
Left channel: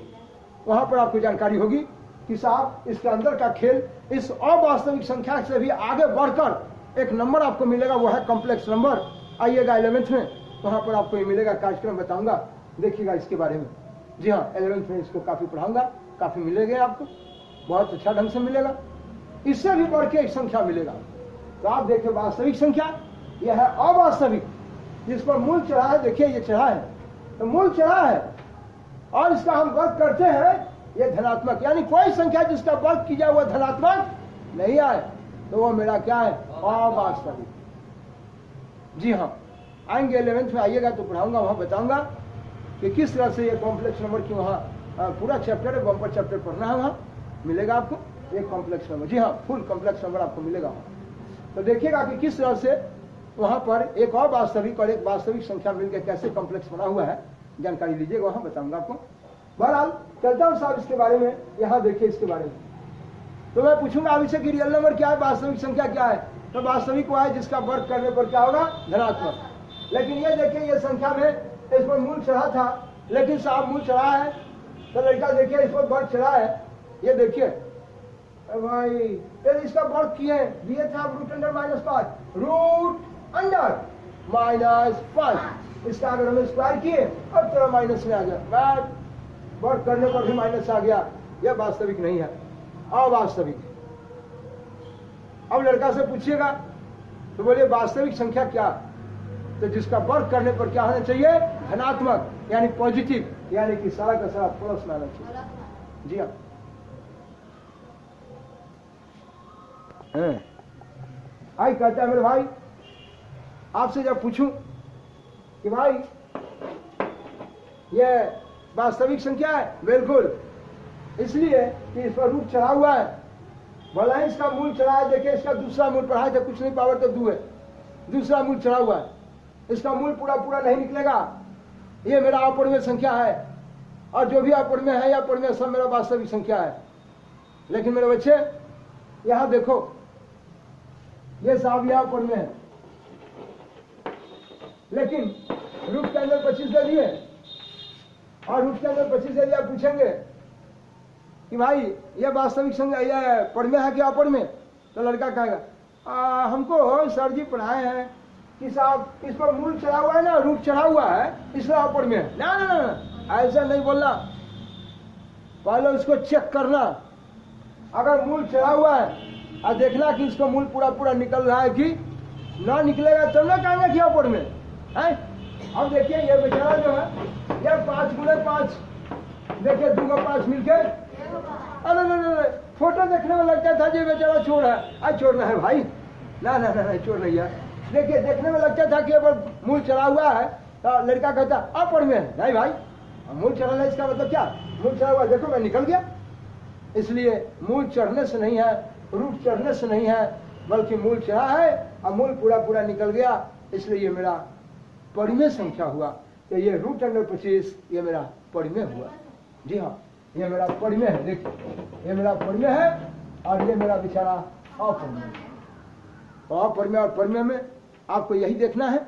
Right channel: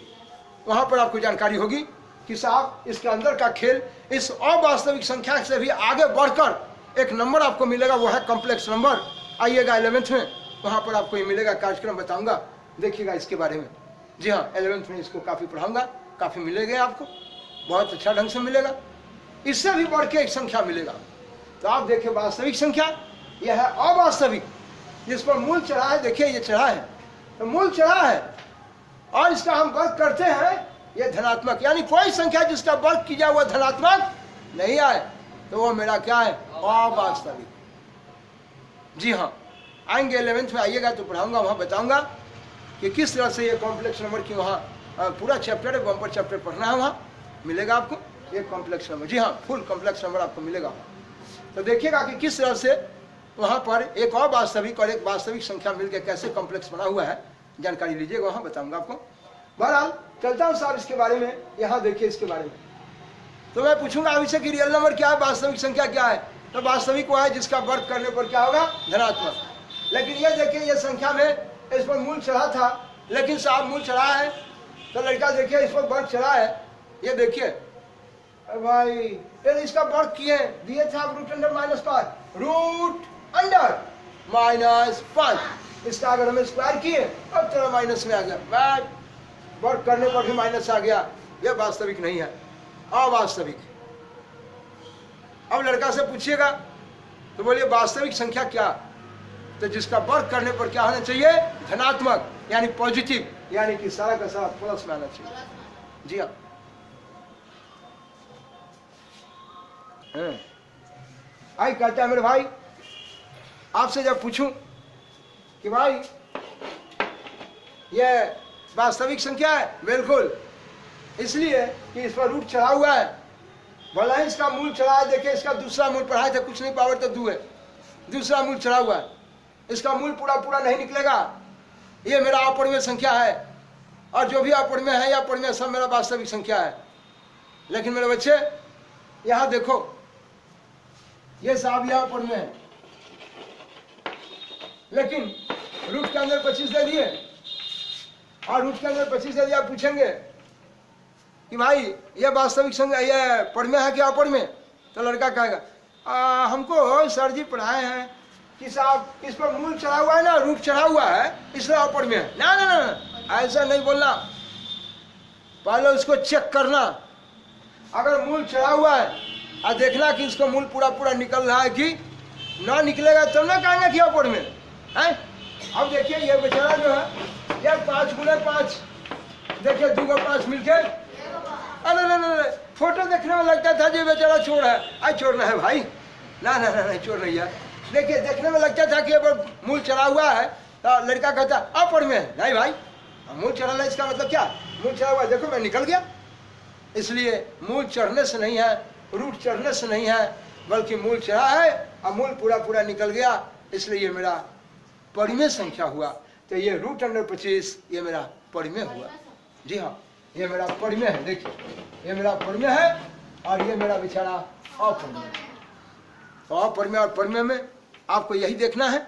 वहाँ पर आपको जानकारी होगी कि साहब इसके अंदर का खेल इस अवास्तविक संख्या से भी आगे बढ़कर एक नंबर आपको मिलेगा, वो है कॉम्प्लेक्स नंबर। आइएगा 11th में, वहाँ पर आपको ये मिलेगा, कार्यक्रम बताऊंगा, देखिएगा इसके बारे में। जी हाँ, 11th में इसको काफ़ी पढ़ाऊंगा, काफ़ी मिलेगा आपको, बहुत अच्छा ढंग से मिलेगा। इससे भी बढ़ के एक संख्या मिलेगा। तो आप देखिए वास्तविक संख्या, यह है अवास्तविक, जिस पर मूल चढ़ा है। देखिए ये चढ़ा है तो मूल चढ़ा है, और इसका हम वर्ग करते हैं, ये धनात्मक, यानी कोई संख्या जिसका वर्ग किया हुआ धनात्मक नहीं आए तो वो मेरा क्या है, अवास्तविक। जी हाँ, आएंगे 11th में, आइएगा तो पढ़ाऊंगा, वहाँ बताऊंगा कि किस तरह से ये कॉम्प्लेक्स नंबर की वहाँ पूरा चैप्टर है, बम्पर चैप्टर पढ़ना है, वहाँ मिलेगा आपको ये कॉम्प्लेक्स नंबर। जी हाँ, फुल कॉम्प्लेक्स नंबर आपको मिलेगा। तो देखिएगा कि किस तरह से वहाँ पर एक अवास्तविक और एक वास्तविक संख्या मिलकर कैसे कॉम्प्लेक्स बना हुआ है, जानकारी लीजिएगा, वहाँ बताऊंगा आपको। बहरहाल चलता हूँ साहब इसके बारे में। यहाँ देखिए इसके बारे में तो मैं पूछूंगा अभी से कि रियल नंबर क्या है, वास्तविक संख्या क्या है। तो वास्तविक वो है जिसका वर्ग करने पर क्या होगा, धनात्मक। लेकिन ये देखिए ये संख्या में इस पर मूल चढ़ा था, लेकिन साहब मूल चढ़ा है तो लड़का देखिए इस पर वर्ग चढ़ा है, ये देखिए भाई यदि इसका वर्ग किए दिए थे आप रूट अंडर -5, रूट अंडर -5, इसका अगर हम स्क्वायर किए अब थोड़ा माइनस में आ गया, वर्ग करने पर भी माइनस आ गया, यह वास्तविक नहीं है, अवास्तविक। अब लड़का से पूछिएगा तो बोलिए वास्तविक संख्या क्या, तो जिसका वर्ग करने पर क्या होना चाहिए, धनात्मक, यानी पॉजिटिव, यानी कि सारा का सारा प्लस में आना चाहिए। जी हाँ, आई कहते हैं मेरे भाई, आपसे जब पूछूं कि भाई ये वास्तविक संख्या है, बिल्कुल, इसलिए कि इस पर रूट चढ़ा हुआ है, भला ही इसका मूल चढ़ा है। देखिए इसका दूसरा मूल पढ़ाए थे, कुछ नहीं पावर तो 2 है, दूसरा मूल चढ़ा हुआ है, इसका मूल पूरा पूरा नहीं निकलेगा, ये मेरा अपरिमेय संख्या है, और जो भी अपरिमेय है या परिमेय सब मेरा वास्तविक संख्या है। लेकिन मेरे बच्चे यहाँ देखो, ये साहब यहाँ अपरिमेय है, लेकिन रूट के अंदर 25 दे दिए, और रूट के अंदर 25 दे दिया, पूछेंगे कि भाई ये वास्तविक संख्या, ये परिमेय है क्या अपरिमेय, तो लड़का कहेगा हमको सर जी पढ़ाए हैं कि साहब इस पर मूल चढ़ा हुआ है ना, रूट चढ़ा हुआ है, इसलिए अपरिमेय है। ना ना ना, ऐसा नहीं बोलना, पहले इसको चेक करना, अगर मूल चढ़ा हुआ है और देखना कि इसका मूल पूरा पूरा निकल रहा है कि ना निकलेगा तो ना कहेंगे कि अपरिमेय है। अब देखिए ये बेचारा जो है यार 5 × 5, देखिए 2 को 5 मिलके, अरे फोटो देखने में लगता था जी बेचारा चोर है, आज चोर ना है भाई, ना ना ना नहीं चोर नहीं है। देखिए देखने में लगता था कि मूल चढ़ा हुआ है, तो लड़का कहता अपरिमेय है, नहीं भाई मूल चढ़ा है, इसका मतलब क्या, मूल चढ़ा हुआ, देखो मैं निकल गया। इसलिए मूल चढ़ने से नहीं है, रूट चढ़ने से नहीं है, बल्कि मूल चढ़ा है और मूल पूरा पूरा निकल गया, इसलिए ये मेरा परिमेय संख्या हुआ। तो ये रूट अंडर 25 ये मेरा परिमेय हुआ। जी हाँ, ये मेरा परिमेय है, देखिए ये मेरा परिमेय है, और ये मेरा बेचारा अपरिमेय। अपरिमेय और परिमेय में आपको यही देखना है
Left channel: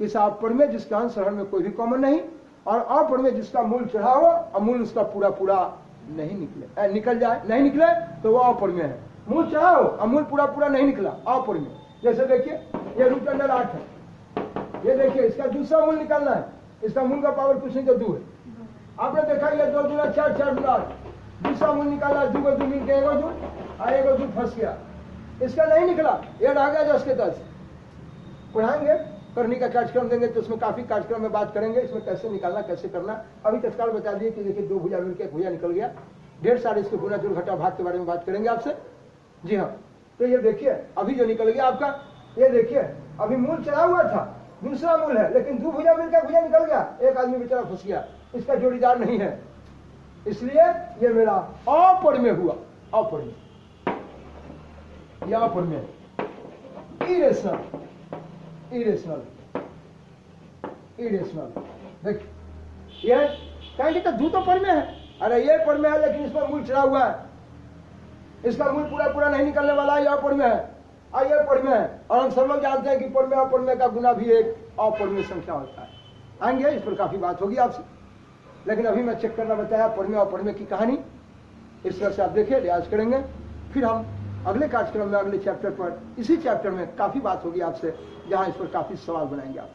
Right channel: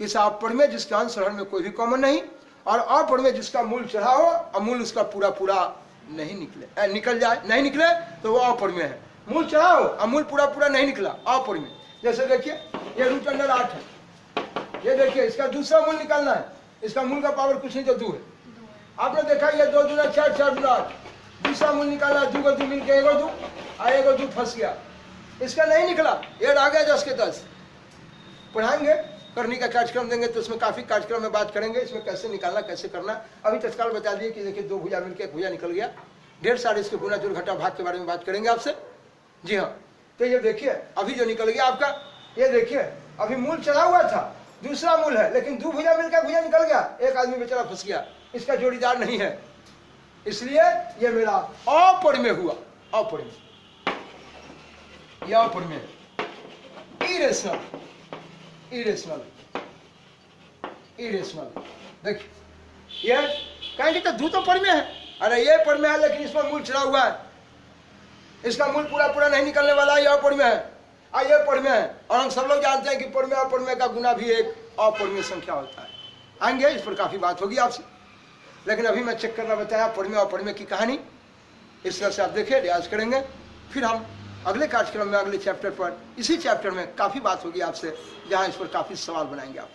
कि साहब परिमेय जिसका अंश हरण में कोई भी कॉमन नहीं, और अपरिमेय जिसका मूल चढ़ा हो और मूल उसका पूरा पूरा नहीं निकले, निकल जाए, नहीं निकले तो वो अपरिमेय है। मूल चढ़ा हो और मूल पूरा पूरा नहीं निकला, अपरिमेय। जैसे देखिए ये रूट अंडर 8 है, ये देखिए इसका दूसरा मूल निकालना है, इसका मूल का पावर कुछ नहीं तो 2 है। आपने देखा ये 2 दूना 4, 4 दूना 8, दूसरा मूल निकाला, 2 को 2 मिल के 1 को 2, और 1 को 2 फंस गया, इसका नहीं निकला, ये आ गया 10 के 10। पढ़ाएंगे, करने का कार्यक्रम देंगे तो उसमें काफ़ी कार्यक्रम में बात करेंगे, इसमें कैसे निकालना कैसे करना। अभी तत्काल बता दिए कि देखिए 2 भुजा मिलकर 1 भुजा निकल गया, ढेर सारे इसके गुना जोड़ घटा भाग के बारे में बात करेंगे आपसे। जी हाँ, तो ये देखिए अभी जो निकल गया आपका, ये देखिए अभी मूल चढ़ा हुआ था, दूसरा मूल है, लेकिन 2 भुजा मिलकर भुजा निकल गया, एक आदमी बेचारा फंस गया, इसका जोड़ीदार नहीं है, इसलिए ये मेरा अपरिमेय हुआ। अपरिमेय, ये अपरिमेय, इरेशनल, इरेशनल, इरेशनल। देखिए ये कहेंगे तो तो पर में है, अरे ये पर में है लेकिन इस पर मूल चढ़ा हुआ है, इसका मूल पूरा पूरा नहीं निकलने वाला, यह पर में है और ये पर में है। और हम सब लोग जानते हैं कि पर में और पर में का गुना भी एक और में संख्या होता है। आएंगे इस पर काफी बात होगी आपसे, लेकिन अभी मैं चेक करना बताया पर में और पर में की कहानी। इस तरह से आप देखिए, रियाज करेंगे, फिर हम अगले कार्यक्रम में अगले चैप्टर पर, इसी चैप्टर में काफी बात होगी आपसे, जहाँ इस पर काफी सवाल बनाएंगे आप।